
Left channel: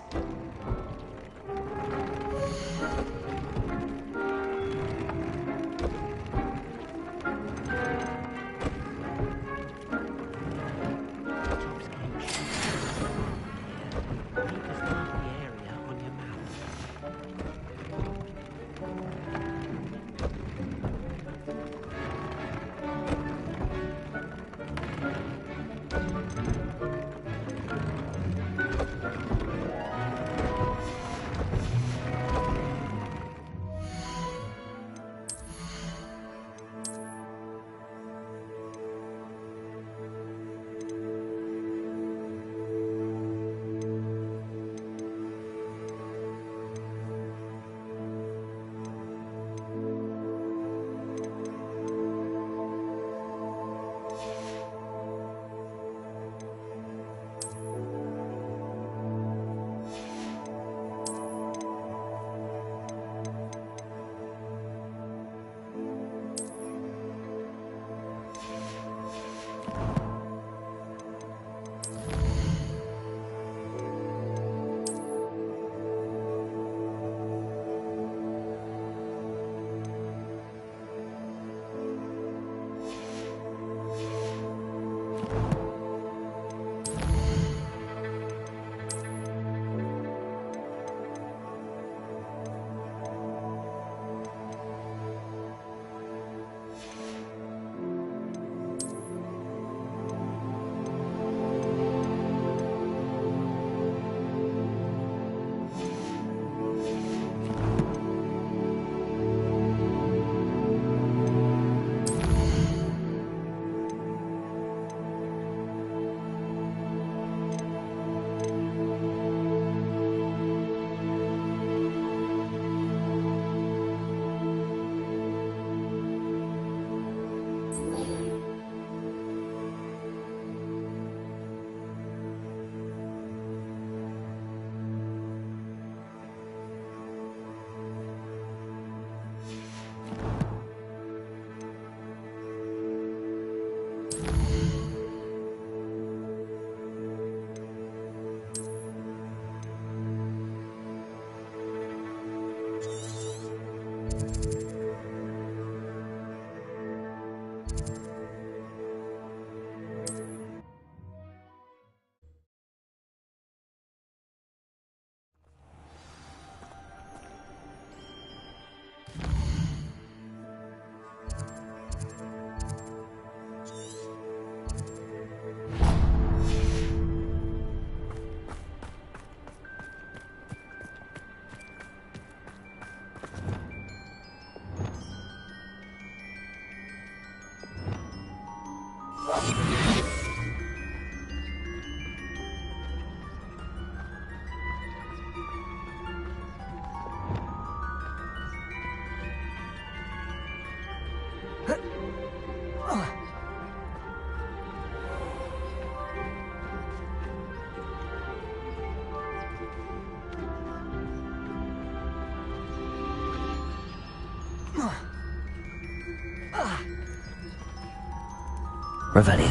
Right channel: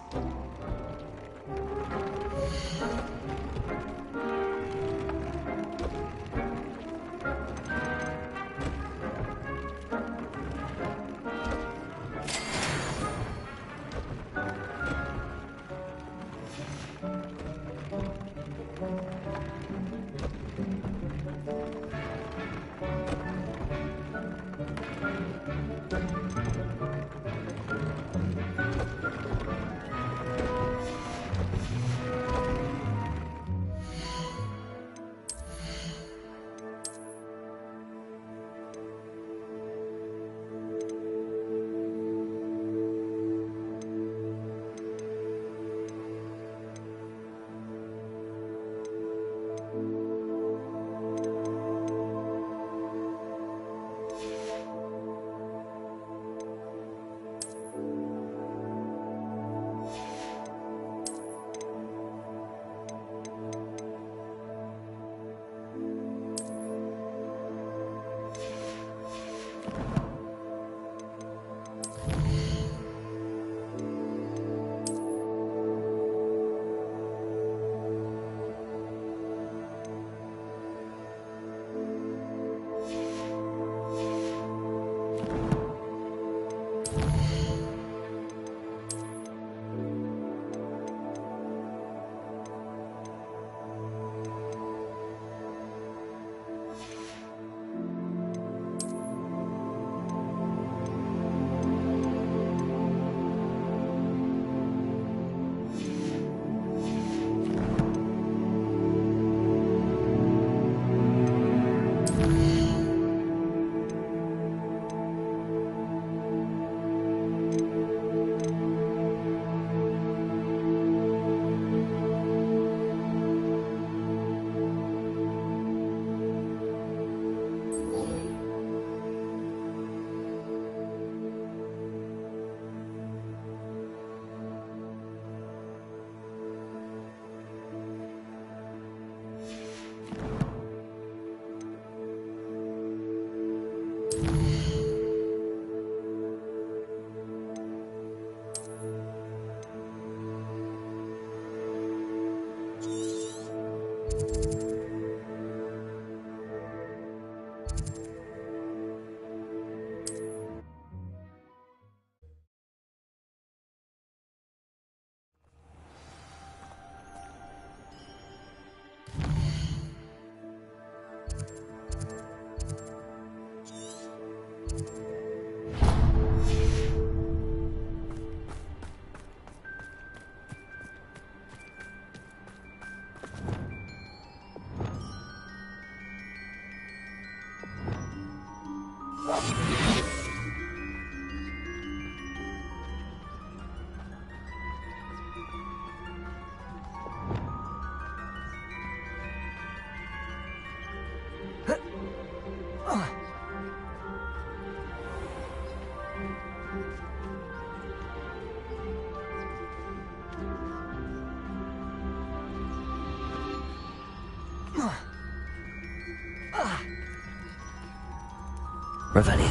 Revelio.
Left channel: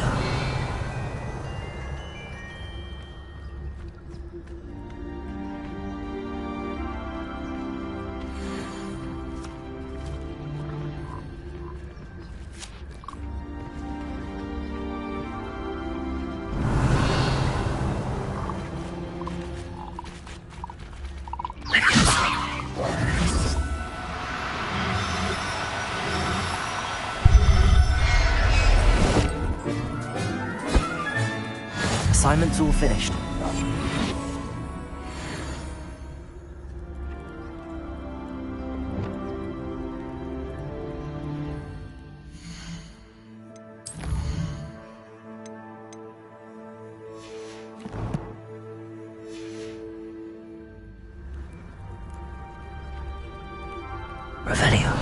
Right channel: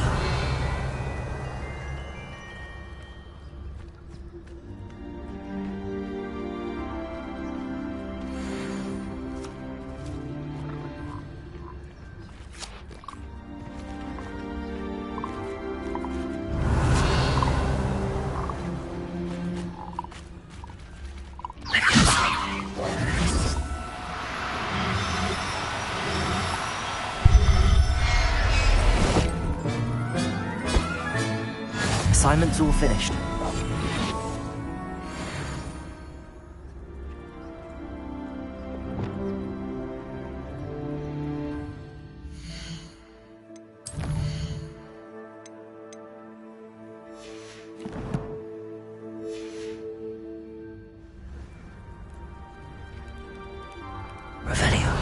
Assignment's all finished. Revelio.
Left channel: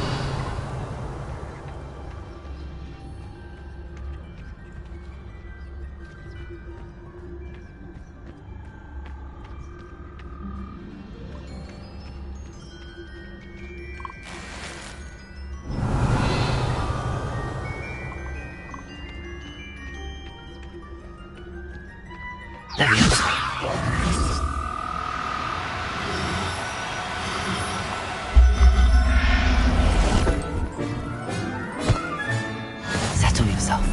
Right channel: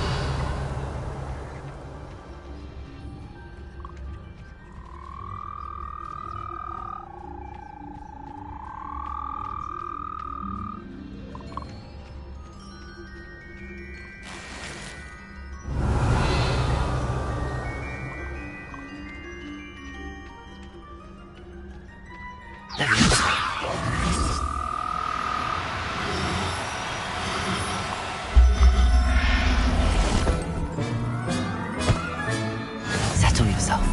Settle yourself.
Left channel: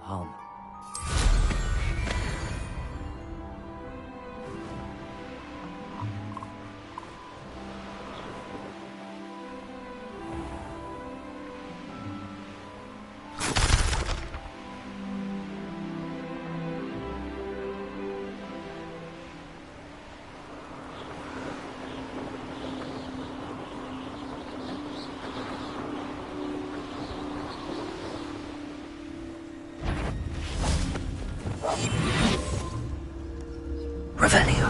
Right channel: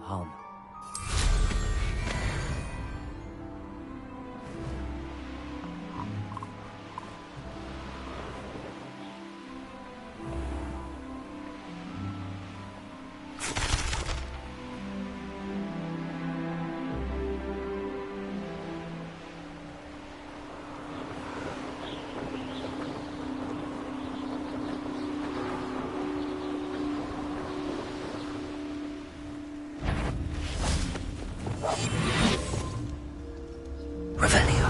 Harm. Revelio.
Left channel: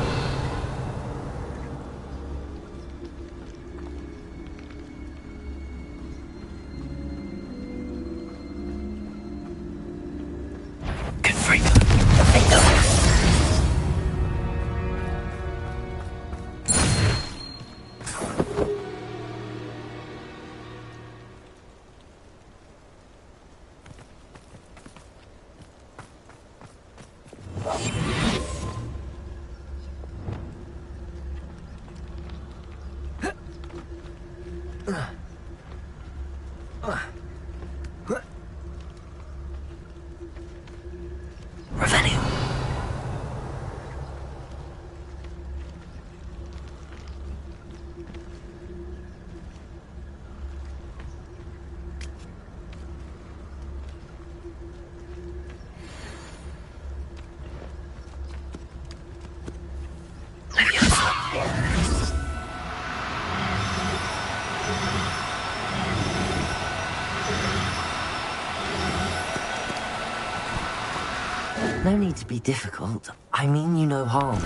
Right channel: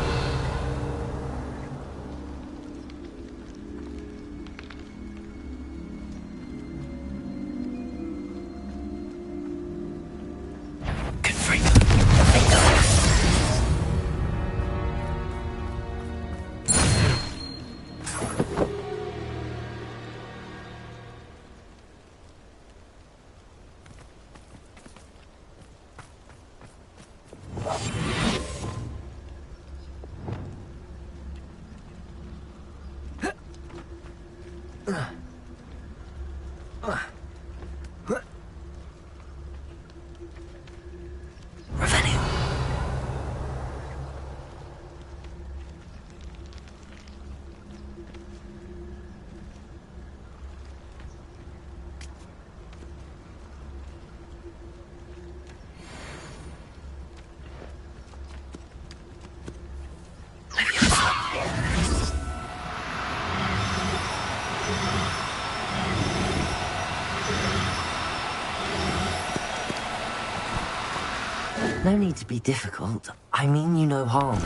No need to be difficult. I mean you no harm.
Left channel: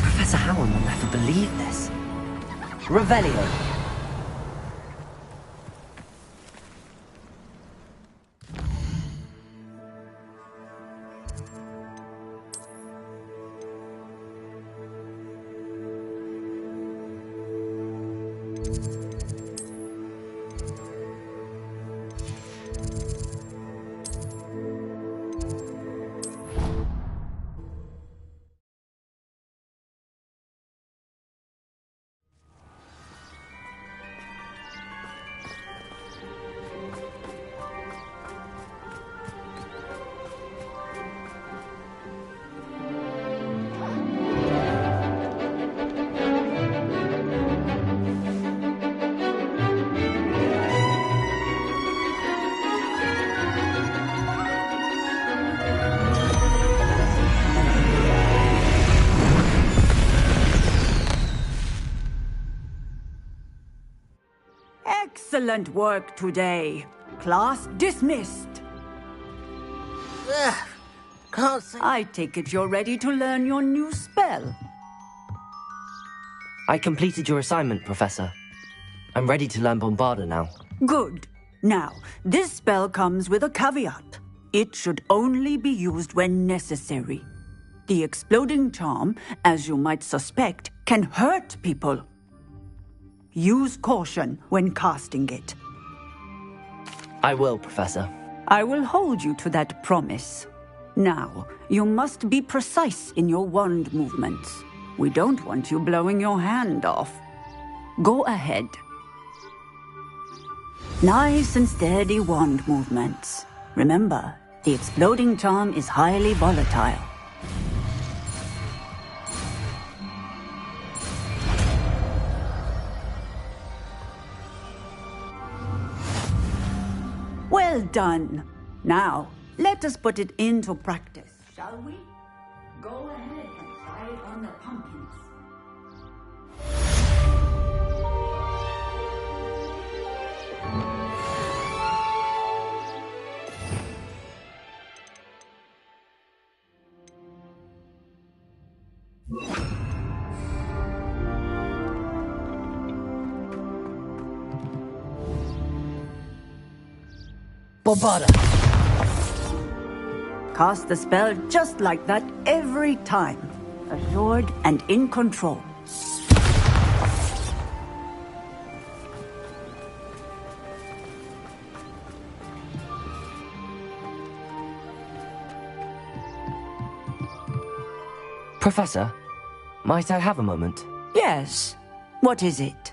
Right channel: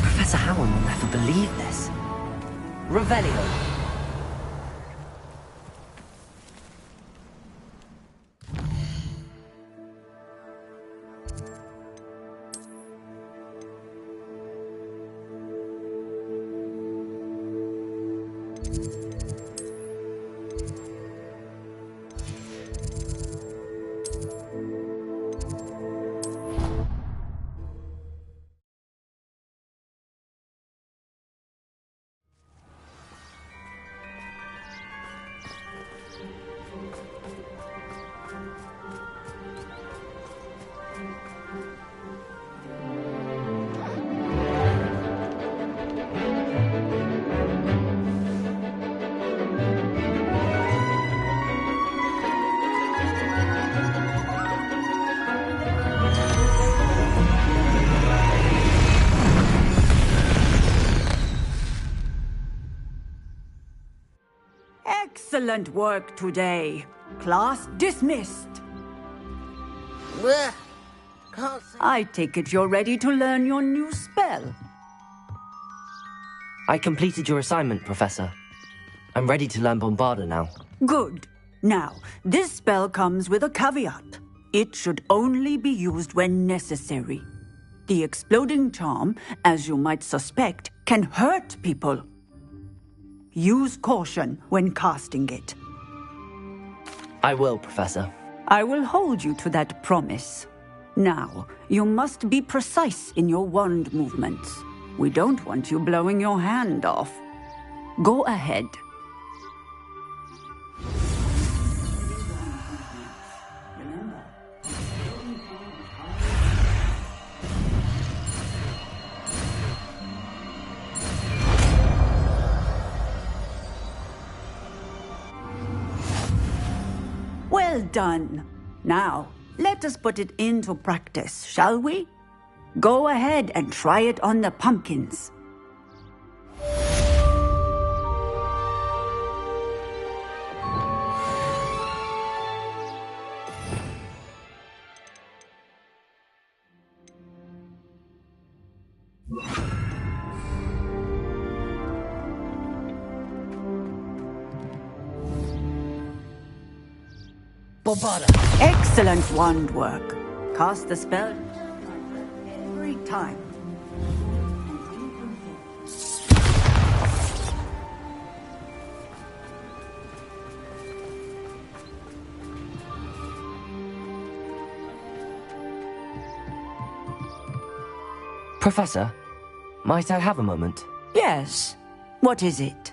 Professor Howard will never believe this. Revelio. Excellent work today. Class dismissed. I take it you're ready to learn your new spell. I completed your assignment, Professor. I'm ready to learn Bombarda now. Good. Now, this spell comes with a caveat. It should only be used when necessary. The exploding charm, as you might suspect, can hurt people. Use caution when casting it. I will, Professor. I will hold you to that promise. Now, you must be precise in your wand movements. We don't want you blowing your hand off. Go ahead. Nice and steady wand movements. Remember, the exploding charm is highly volatile. Well done. Now, let us put it into practice, shall we? Go ahead and try it on the pumpkins. Bombarda! Excellent wand work. Cast the spell just like that every time. Assured and in control. Professor, might I have a moment? Yes. What is it?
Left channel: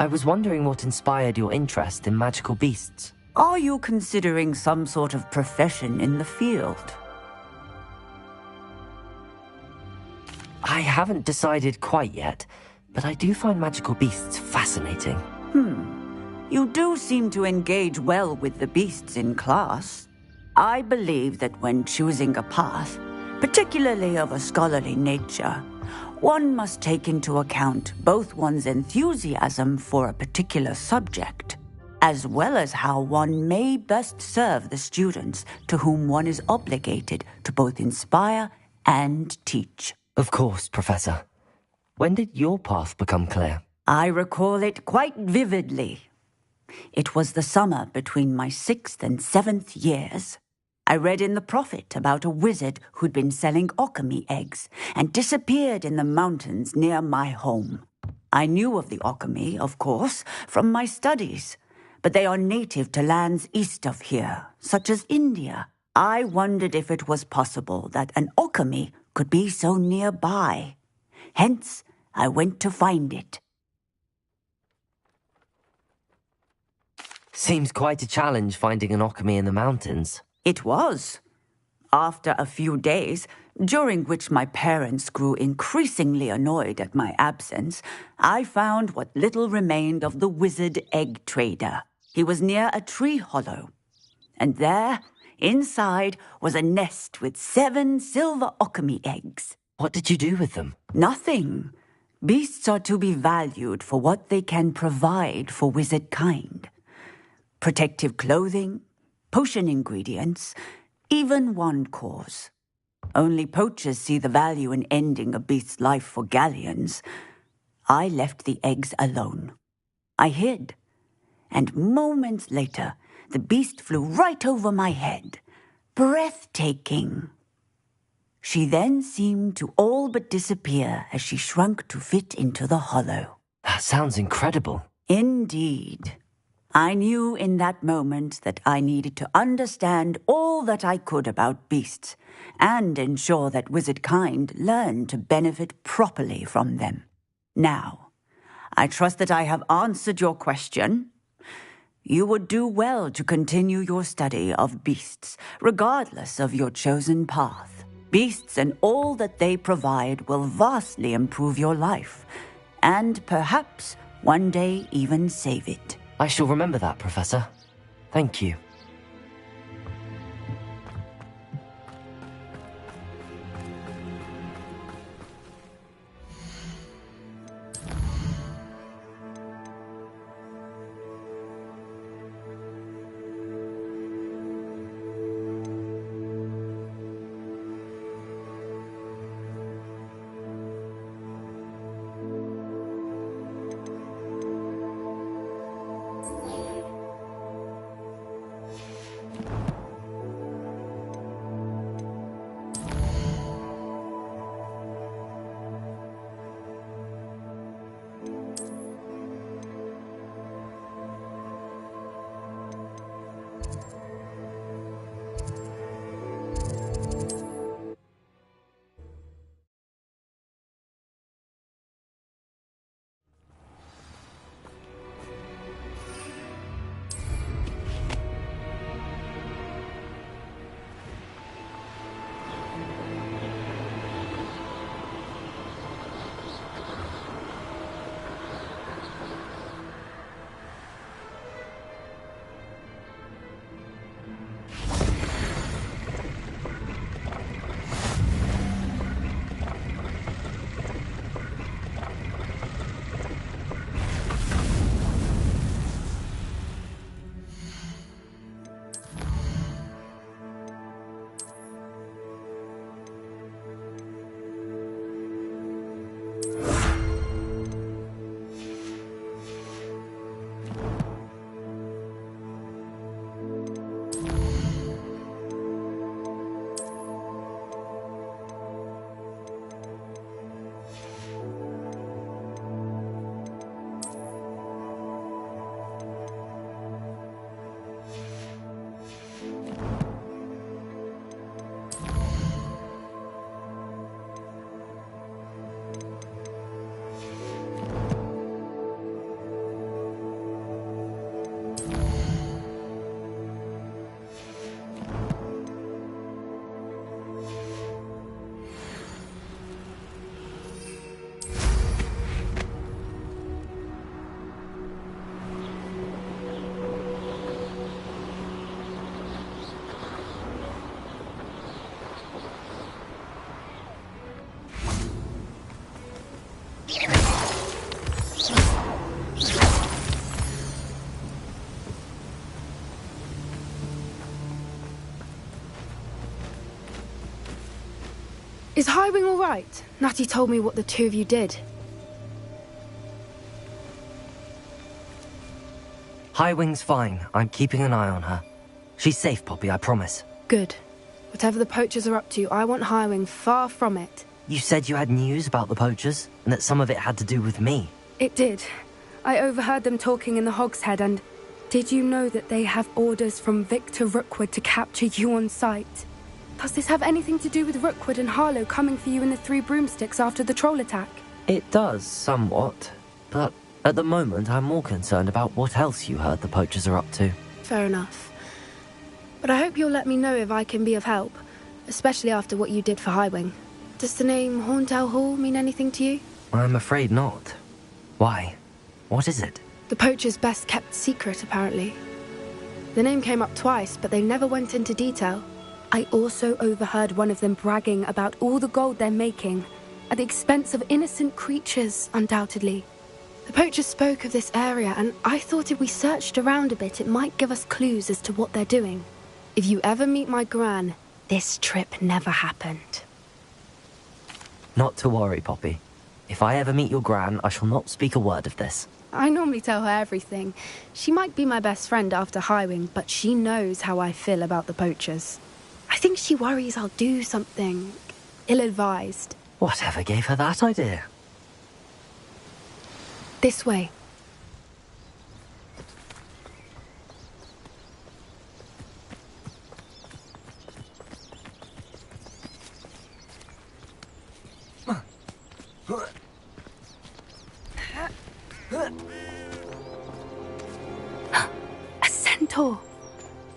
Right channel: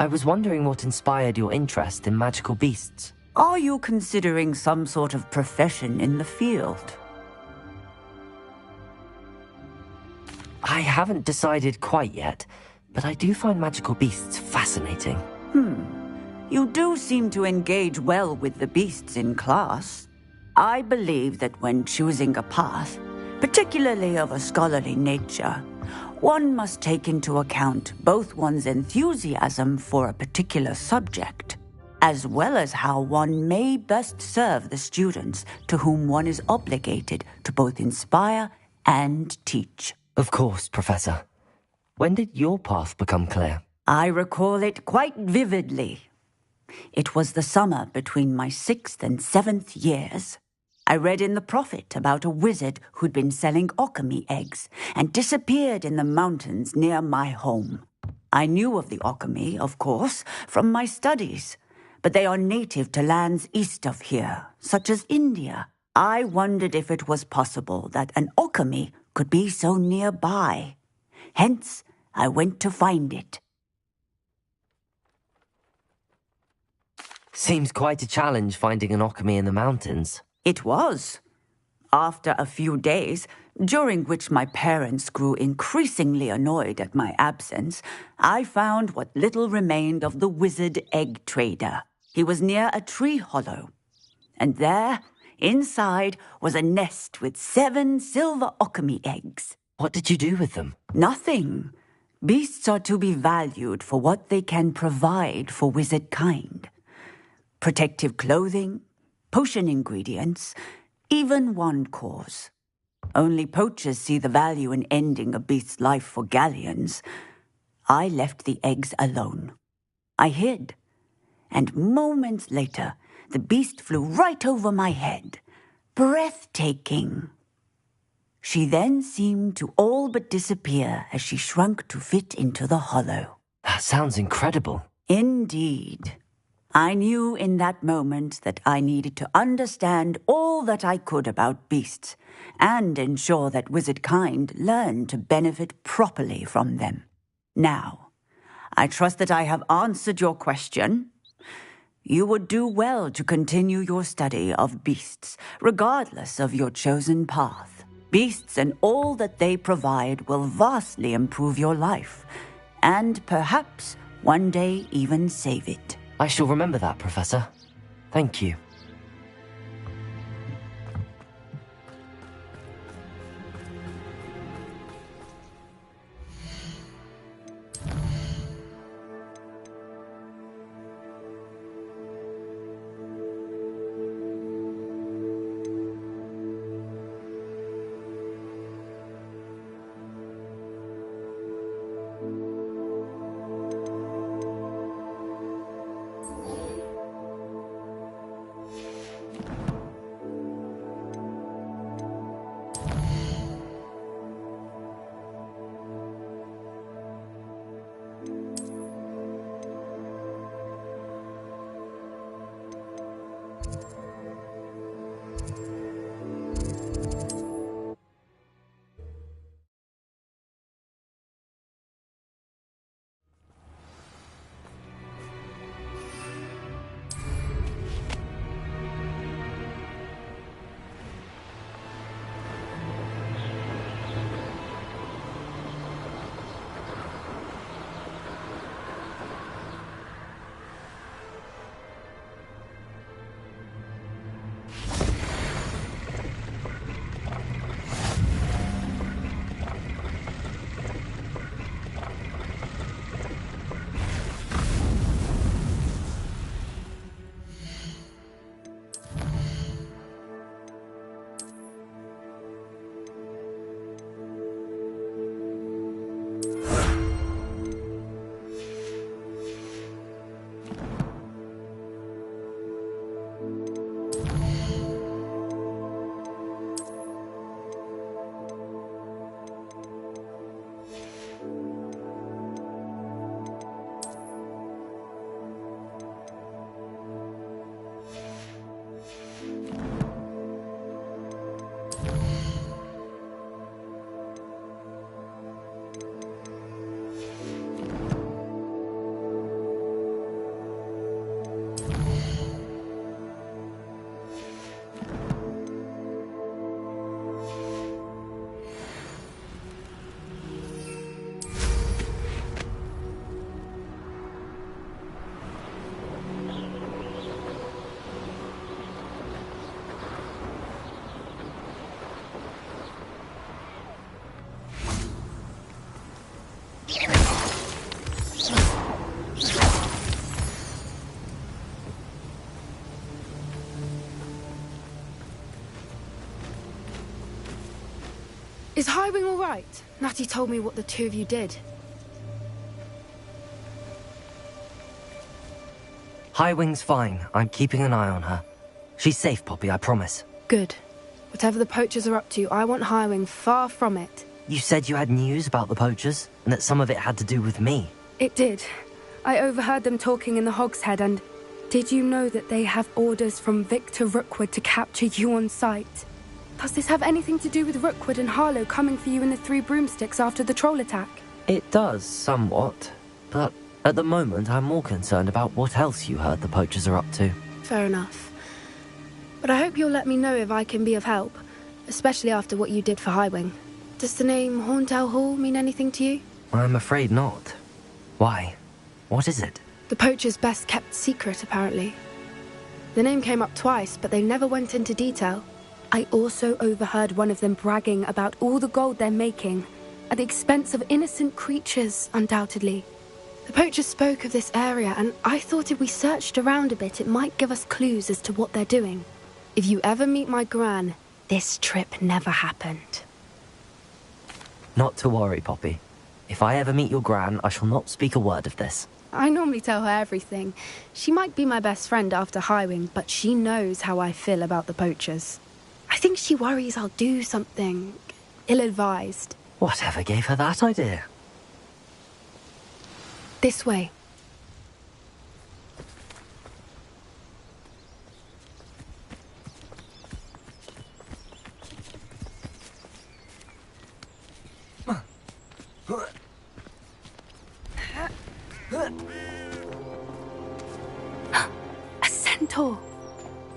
I was wondering what inspired your interest in magical beasts. Are you considering some sort of profession in the field? I haven't decided quite yet, but I do find magical beasts fascinating. You do seem to engage well with the beasts in class. I believe that when choosing a path, particularly of a scholarly nature, one must take into account both one's enthusiasm for a particular subject, as well as how one may best serve the students to whom one is obligated to both inspire and teach. Of course, Professor. When did your path become clear? I recall it quite vividly. It was the summer between my 6th and 7th years. I read in the Prophet about a wizard who'd been selling alchemy eggs and disappeared in the mountains near my home. I knew of the alchemy, of course, from my studies, but they are native to lands east of here, such as India. I wondered if it was possible that an alchemy could be so nearby. Hence, I went to find it. Seems quite a challenge finding an alchemy in the mountains. It was. After a few days, during which my parents grew increasingly annoyed at my absence, I found what little remained of the wizard egg trader. He was near a tree hollow. And there, inside, was a nest with 7 silver alchemy eggs. What did you do with them? Nothing. Beasts are to be valued for what they can provide for wizard kind. Protective clothing, potion ingredients, even wand cores. Only poachers see the value in ending a beast's life for galleons. I left the eggs alone. I hid, and moments later, the beast flew right over my head. Breathtaking. She then seemed to all but disappear as she shrunk to fit into the hollow. That sounds incredible. Indeed. I knew in that moment that I needed to understand all that I could about beasts and ensure that wizard kind learned to benefit properly from them. Now, I trust that I have answered your question. You would do well to continue your study of beasts, regardless of your chosen path. Beasts and all that they provide will vastly improve your life, and perhaps one day even save it. I shall remember that, Professor. Thank you. Is Highwing all right? Natty told me what the two of you did. Highwing's fine. I'm keeping an eye on her. She's safe, Poppy, I promise. Good. Whatever the poachers are up to, I want Highwing far from it. You said you had news about the poachers, and that some of it had to do with me. It did. I overheard them talking in the Hogshead, and did you know that they have orders from Victor Rookwood to capture you on sight? Does this have anything to do with Rookwood and Harlow coming for you in the Three Broomsticks after the troll attack? It does, somewhat. But at the moment, I'm more concerned about what else you heard the poachers are up to. Fair enough. But I hope you'll let me know if I can be of help, especially after what you did for Highwing. Does the name Horntail Hall mean anything to you? I'm afraid not. Why? What is it? The poachers' best-kept secret, apparently. The name came up twice, but they never went into detail. I also overheard one of them bragging about all the gold they're making, at the expense of innocent creatures, undoubtedly. The poachers spoke of this area, and I thought if we searched around a bit, it might give us clues as to what they're doing. If you ever meet my gran, this trip never happened. Not to worry, Poppy. If I ever meet your gran, I shall not speak a word of this. I normally tell her everything. She might be my best friend after Highwing, but she knows how I feel about the poachers. I think she worries I'll do something ill-advised. Whatever gave her that idea? This way. A centaur.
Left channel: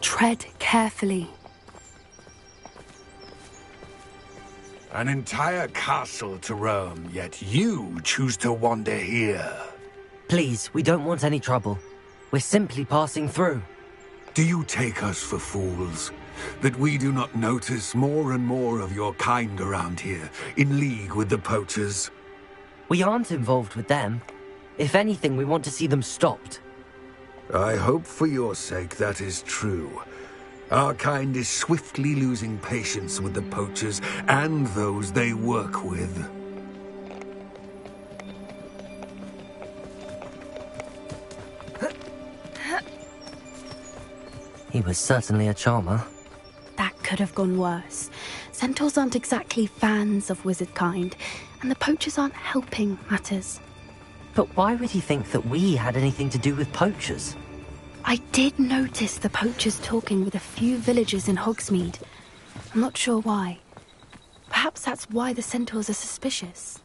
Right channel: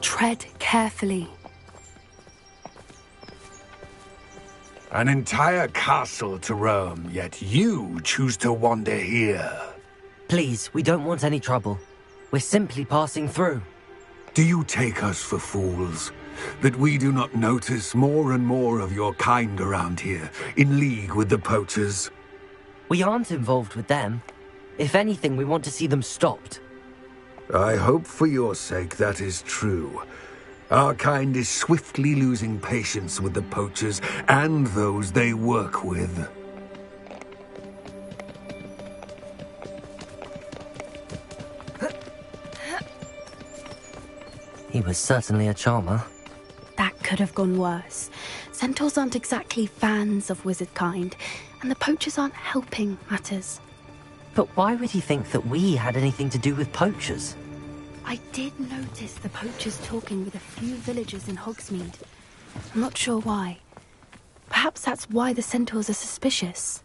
Tread carefully. An entire castle to roam, yet you choose to wander here. Please, we don't want any trouble. We're simply passing through. Do you take us for fools? That we do not notice more and more of your kind around here, in league with the poachers? We aren't involved with them. If anything, we want to see them stopped. I hope for your sake that is true. Our kind is swiftly losing patience with the poachers and those they work with. He was certainly a charmer. That could have gone worse. Centaurs aren't exactly fans of wizard kind, and the poachers aren't helping matters. But why would he think that we had anything to do with poachers? I did notice the poachers talking with a few villagers in Hogsmeade. I'm not sure why. Perhaps that's why the centaurs are suspicious.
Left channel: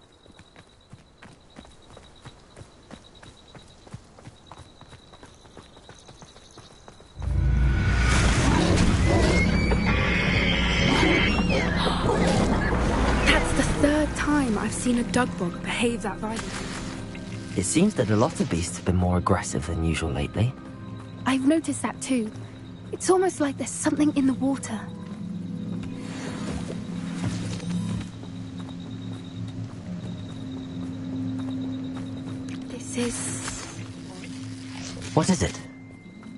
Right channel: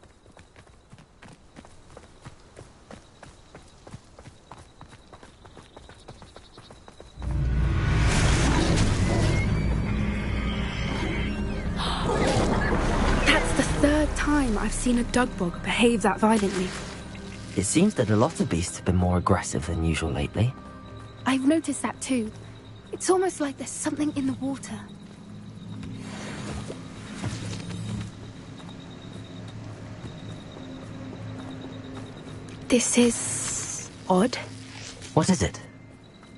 That's the third time I've seen a dugbog behave that violently. It seems that a lot of beasts have been more aggressive than usual lately. I've noticed that too. It's almost like there's something in the water. This is odd. What is it?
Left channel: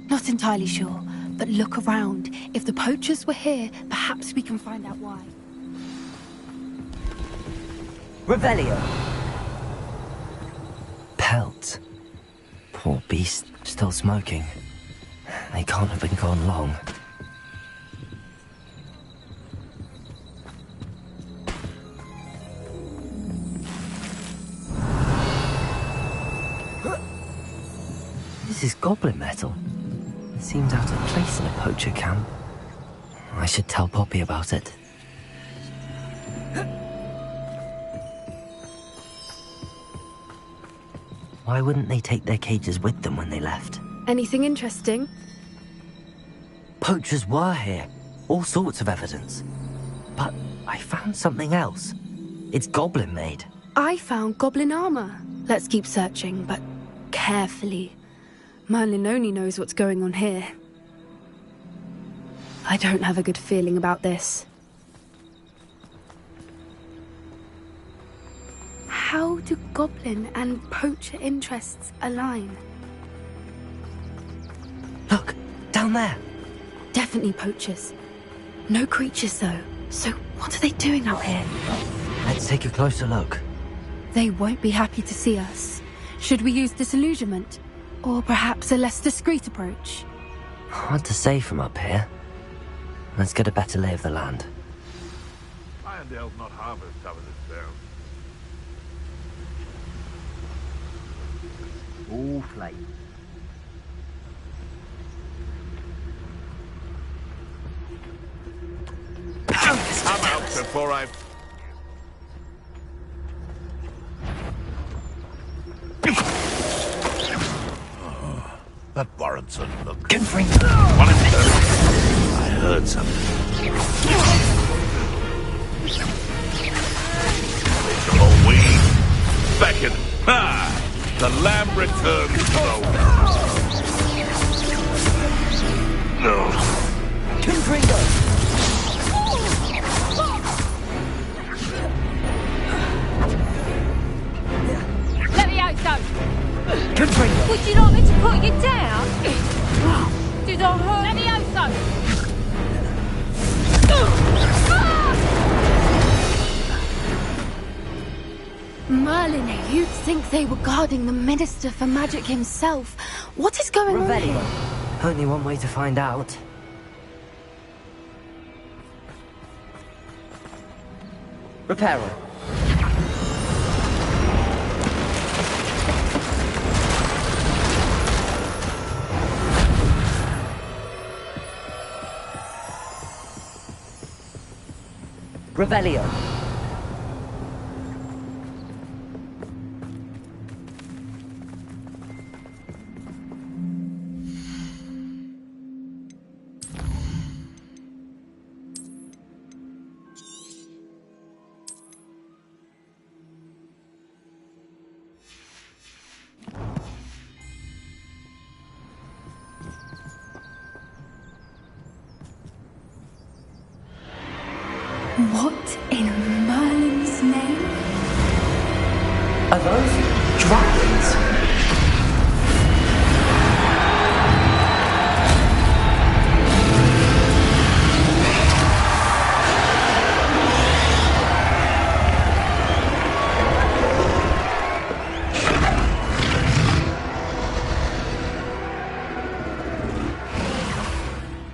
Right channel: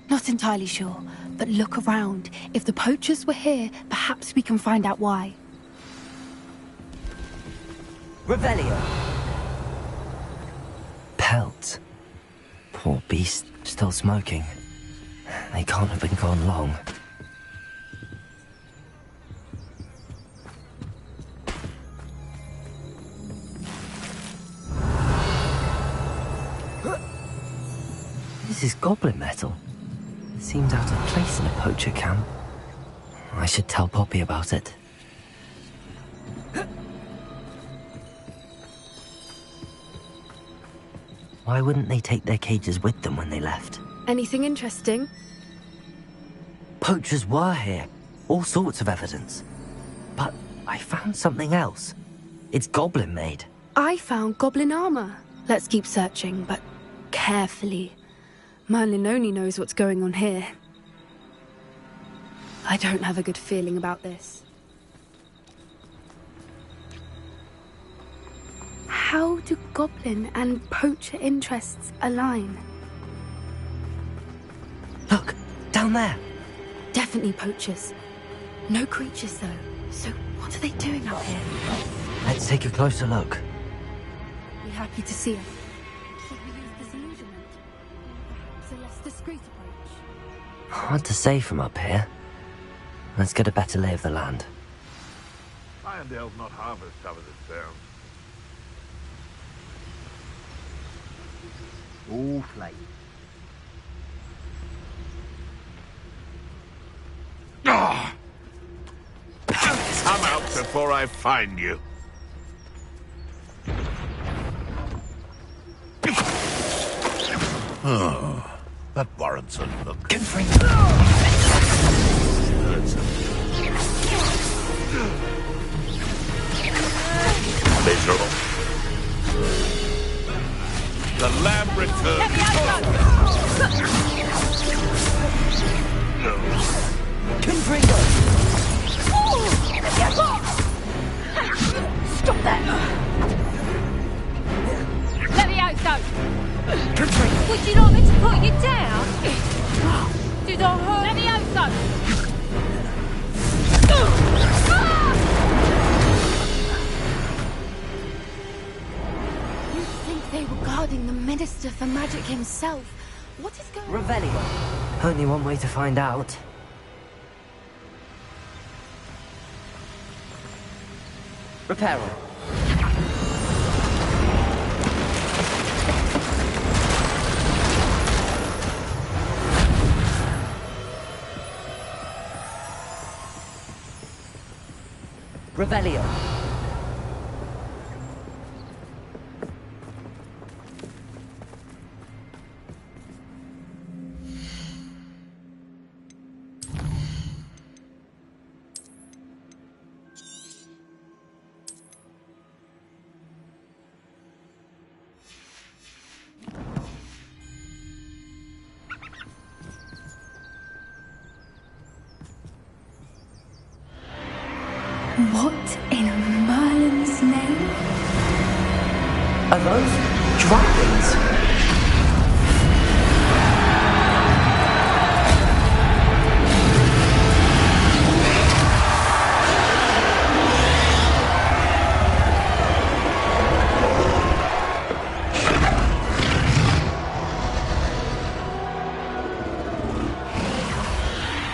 Not entirely sure, but look around. If the poachers were here, perhaps we can find out why. Revelio. Pelt. Poor beast, still smoking. They can't have been gone long. This is goblin metal. It seems out of place in a poacher camp. I should tell Poppy about it. Why wouldn't they take their cages with them when they left? Anything interesting? Poachers were here. All sorts of evidence. But I found something else. It's goblin made. I found goblin armor. Let's keep searching, but carefully. Merlin only knows what's going on here. I don't have a good feeling about this. How do goblin and poacher interests align? Look, down there. Definitely poachers. No creatures, though. So what are they doing out here? Let's take a closer look. They won't be happy to see us. Should we use disillusionment? Or perhaps a less discreet approach? Hard to say from up here. Let's get a better lay of the land. Irondale's not half as tough as it sounds. All flame. Come out before I find you. Oh, that warrants a look. Confring. I heard something. Literal weed. Beckon. Ah! The lamb returns slow. No. Confringo! Stop that! Levioso! Merlin, you'd think they were guarding the Minister for Magic himself. What is going on? Revelio. Only one way to find out. Reparo. Revelio. What in Merlin's name? Are those dragons?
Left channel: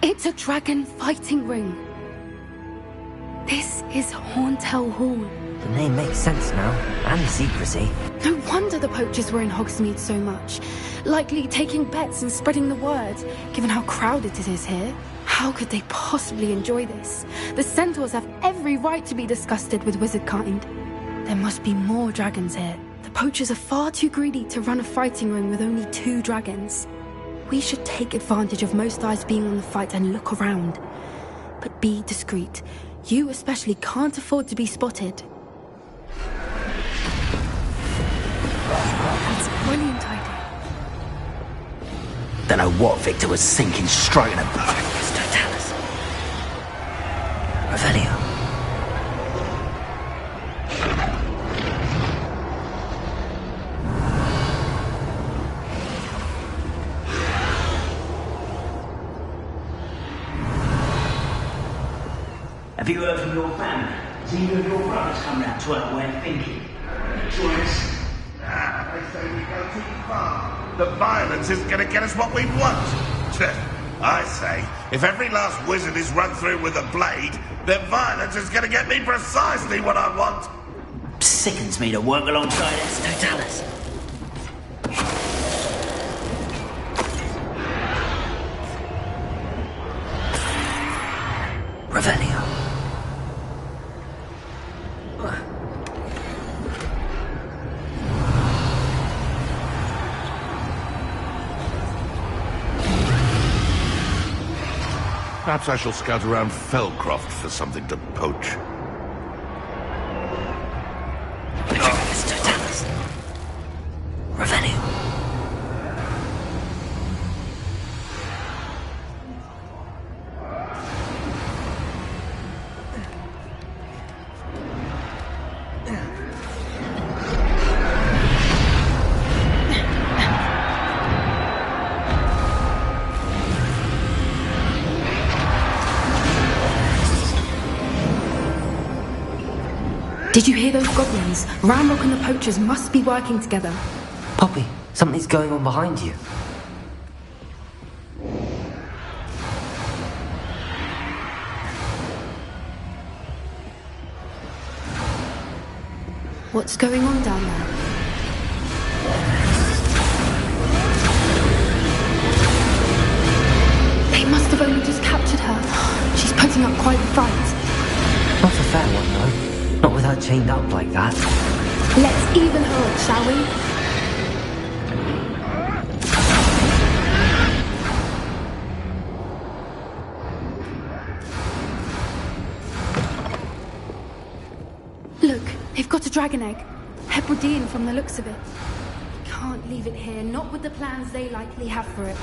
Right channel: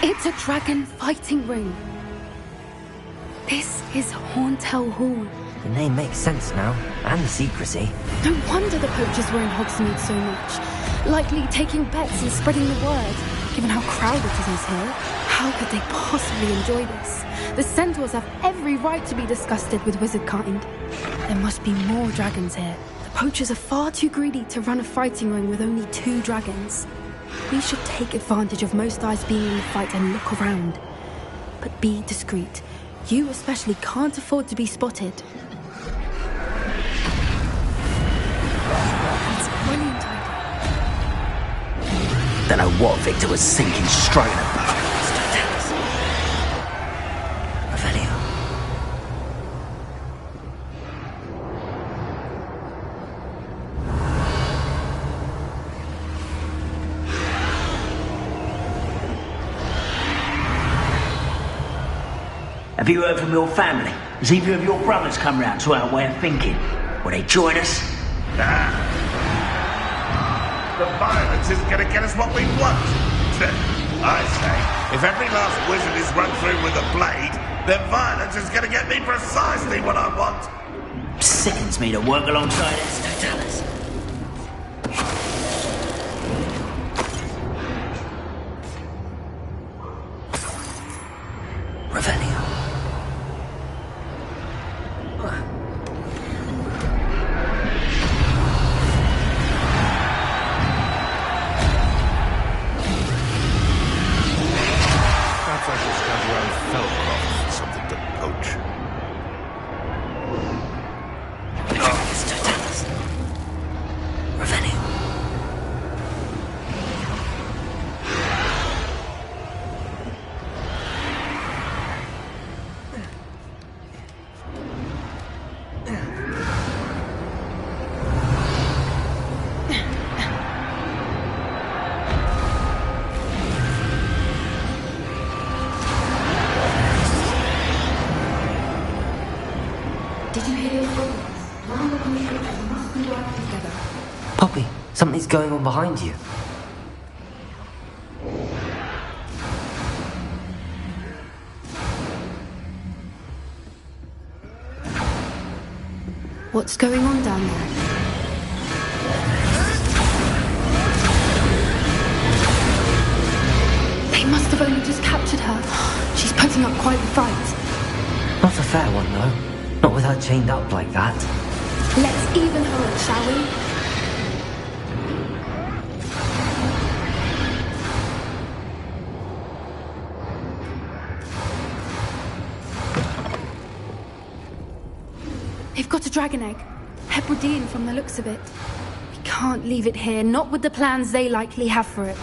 It's a dragon fighting ring. This is Hauntel Hall. The name makes sense now, and the secrecy. No wonder the poachers were in Hogsmeade so much. Likely taking bets and spreading the word. Given how crowded it is here, how could they possibly enjoy this? The centaurs have every right to be disgusted with wizard kind. There must be more dragons here. The poachers are far too greedy to run a fighting ring with only 2 dragons. We should take advantage of most eyes being in the fight and look around. But be discreet. You especially can't afford to be spotted. That's a brilliant idea. Don't know what Victor was thinking, striking a blow. Revelio. Have you heard from your family? Has either of your brothers come round to our way of thinking? Will they join us? Nah. The violence isn't going to get us what we want. I say, if every last wizard is run through with a blade, then violence is going to get me precisely what I want. Sickens me to work alongside Totalis. Revelio. Perhaps I shall scout around Felcroft for something to poach. It's Totalis. Revelio. Did you hear those goblins? Ramrock and the poachers must be working together. Poppy, something's going on behind you. What's going on down there? They must have only just captured her. She's putting up quite a fight. Not a fair one, though. Not with her chained up like that. Let's even her up, shall we? Look, they've got a dragon egg. Hebridean from the looks of it. We can't leave it here, not with the plans they likely have for it.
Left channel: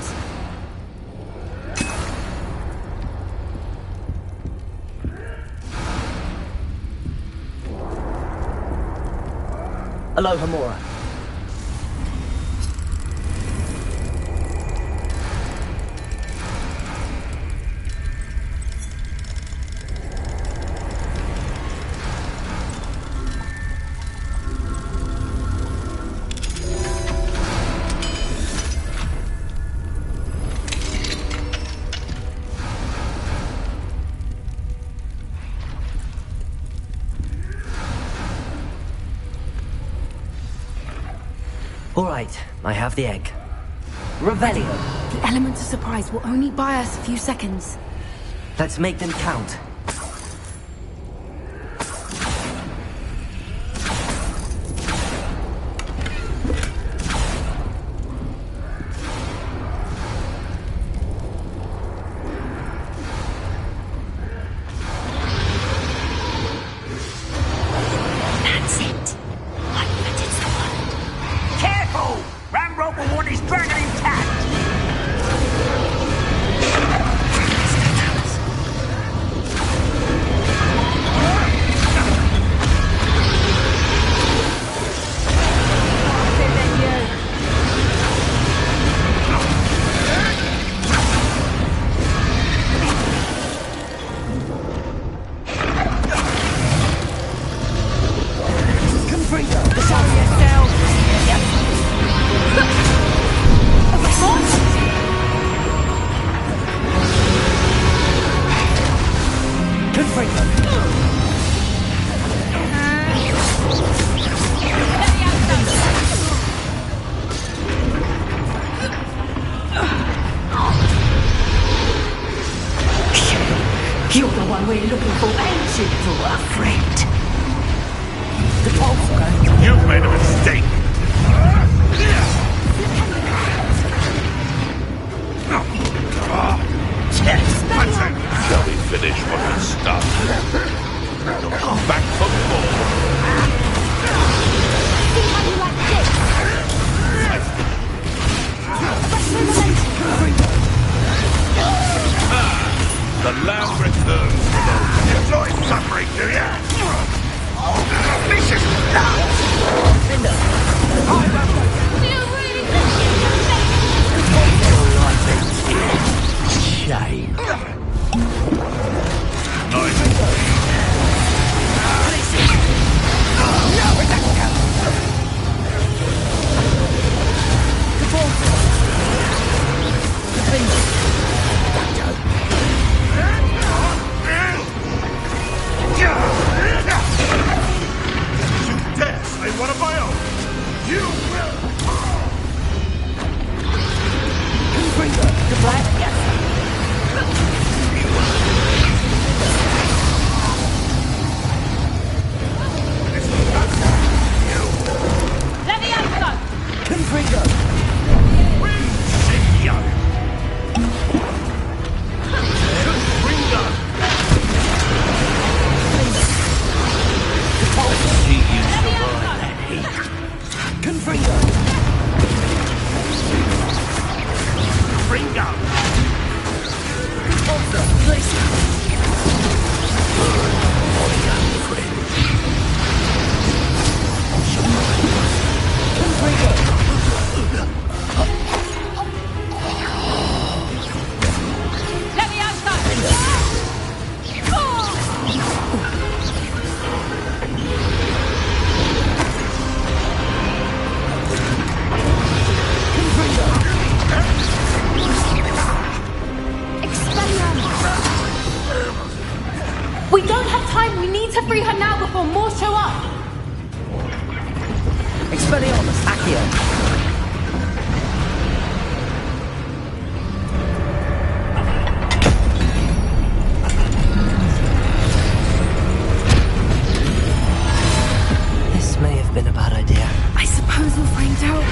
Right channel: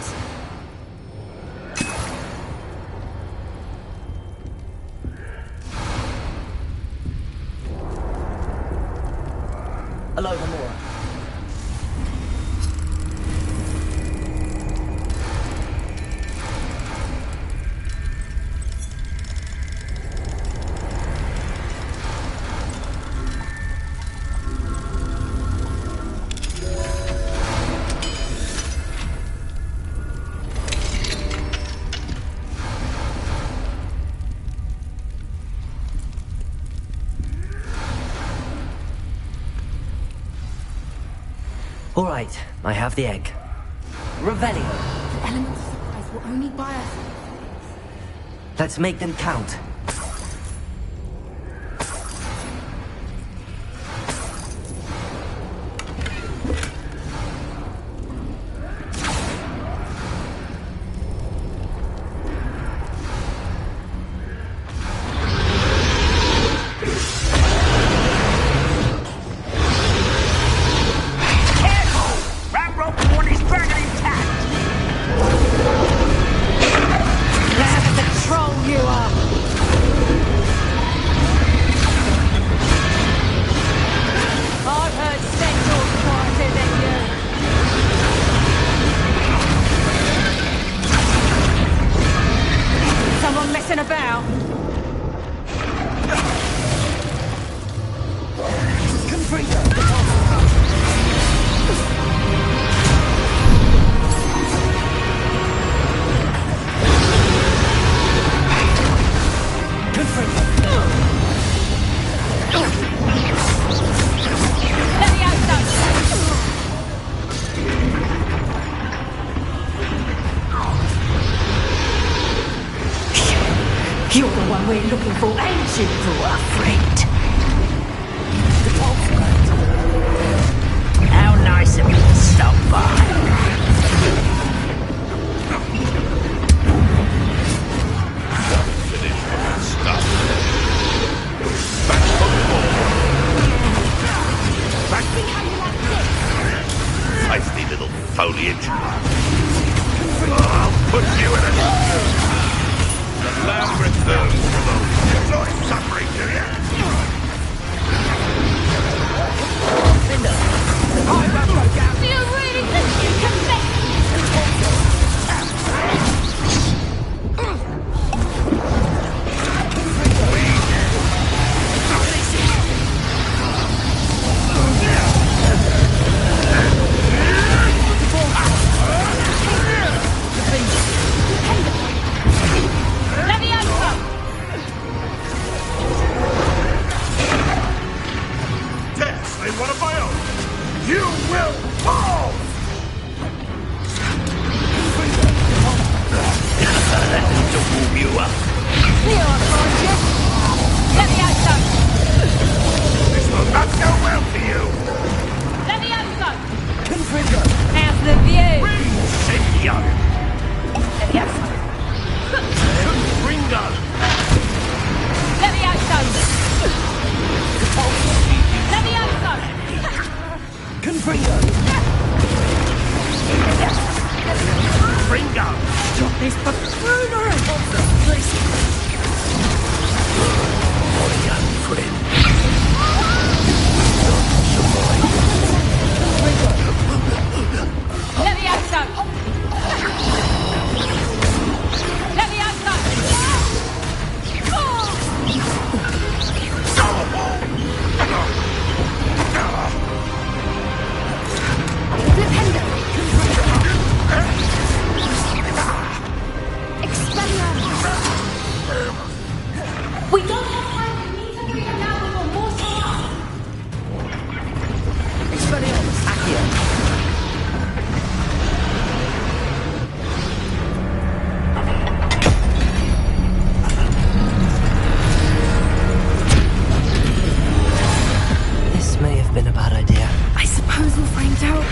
Hello, Hamura. All right, I have the egg. Revelio. The element of surprise will only buy us a few seconds. Let's make them count. You're the one we're looking for, ain't you? Afraid. The poltergeist. You've made a mistake. How nice of you to stop by. Shall we finish what we started? Back foot forward. See how you like this? Feisty little foliage. The lamb returns for those. Enjoy suffering, do ya? Do you really think you can Dare slay one of my own. You will fall. This will not go well for you. Wingardium. We don't have time. We need to free her now before more show up. Expelliarmus, Accio. This may have been a bad idea. I suppose we'll find out.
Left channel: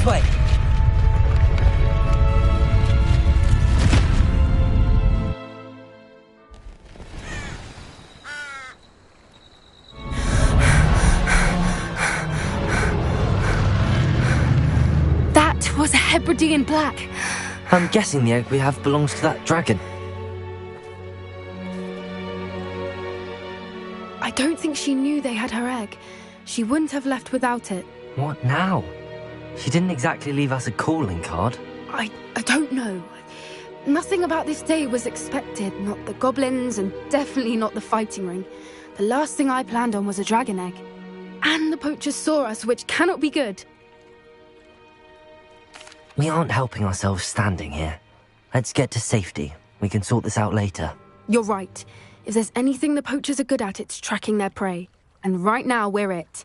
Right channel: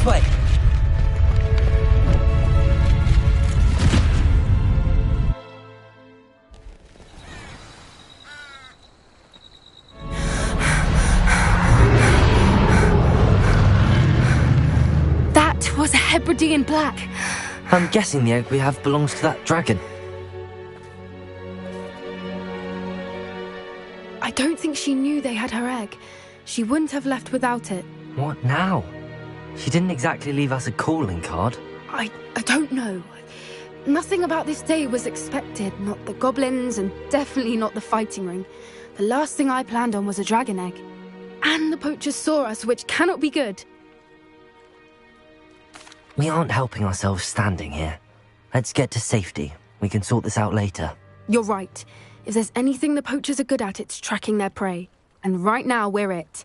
This way! That was a Hebridean black. I'm guessing the egg we have belongs to that dragon. I don't think she knew they had her egg. She wouldn't have left without it. What now? She didn't exactly leave us a calling card. I don't know. Nothing about this day was expected. Not the goblins, and definitely not the fighting ring. The last thing I planned on was a dragon egg. And the poachers saw us, which cannot be good. We aren't helping ourselves standing here. Let's get to safety. We can sort this out later. You're right. If there's anything the poachers are good at, it's tracking their prey. And right now, we're it.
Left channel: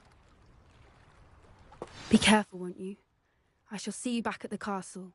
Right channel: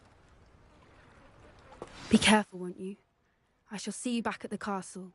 Be careful, won't you? I shall see you back at the castle.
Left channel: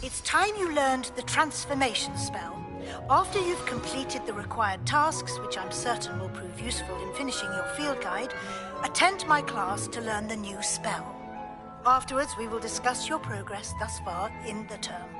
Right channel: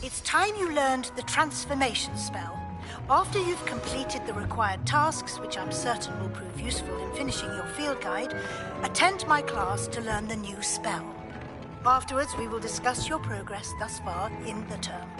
It's time you learned the transformation spell. After you've completed the required tasks, which I'm certain will prove useful in finishing your field guide, attend my class to learn the new spell. Afterwards, we will discuss your progress thus far in the term.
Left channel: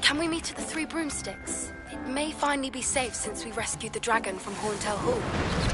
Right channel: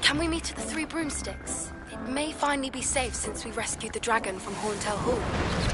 Can we meet at the Three Broomsticks? It may finally be safe since we rescued the dragon from Horntail Hall.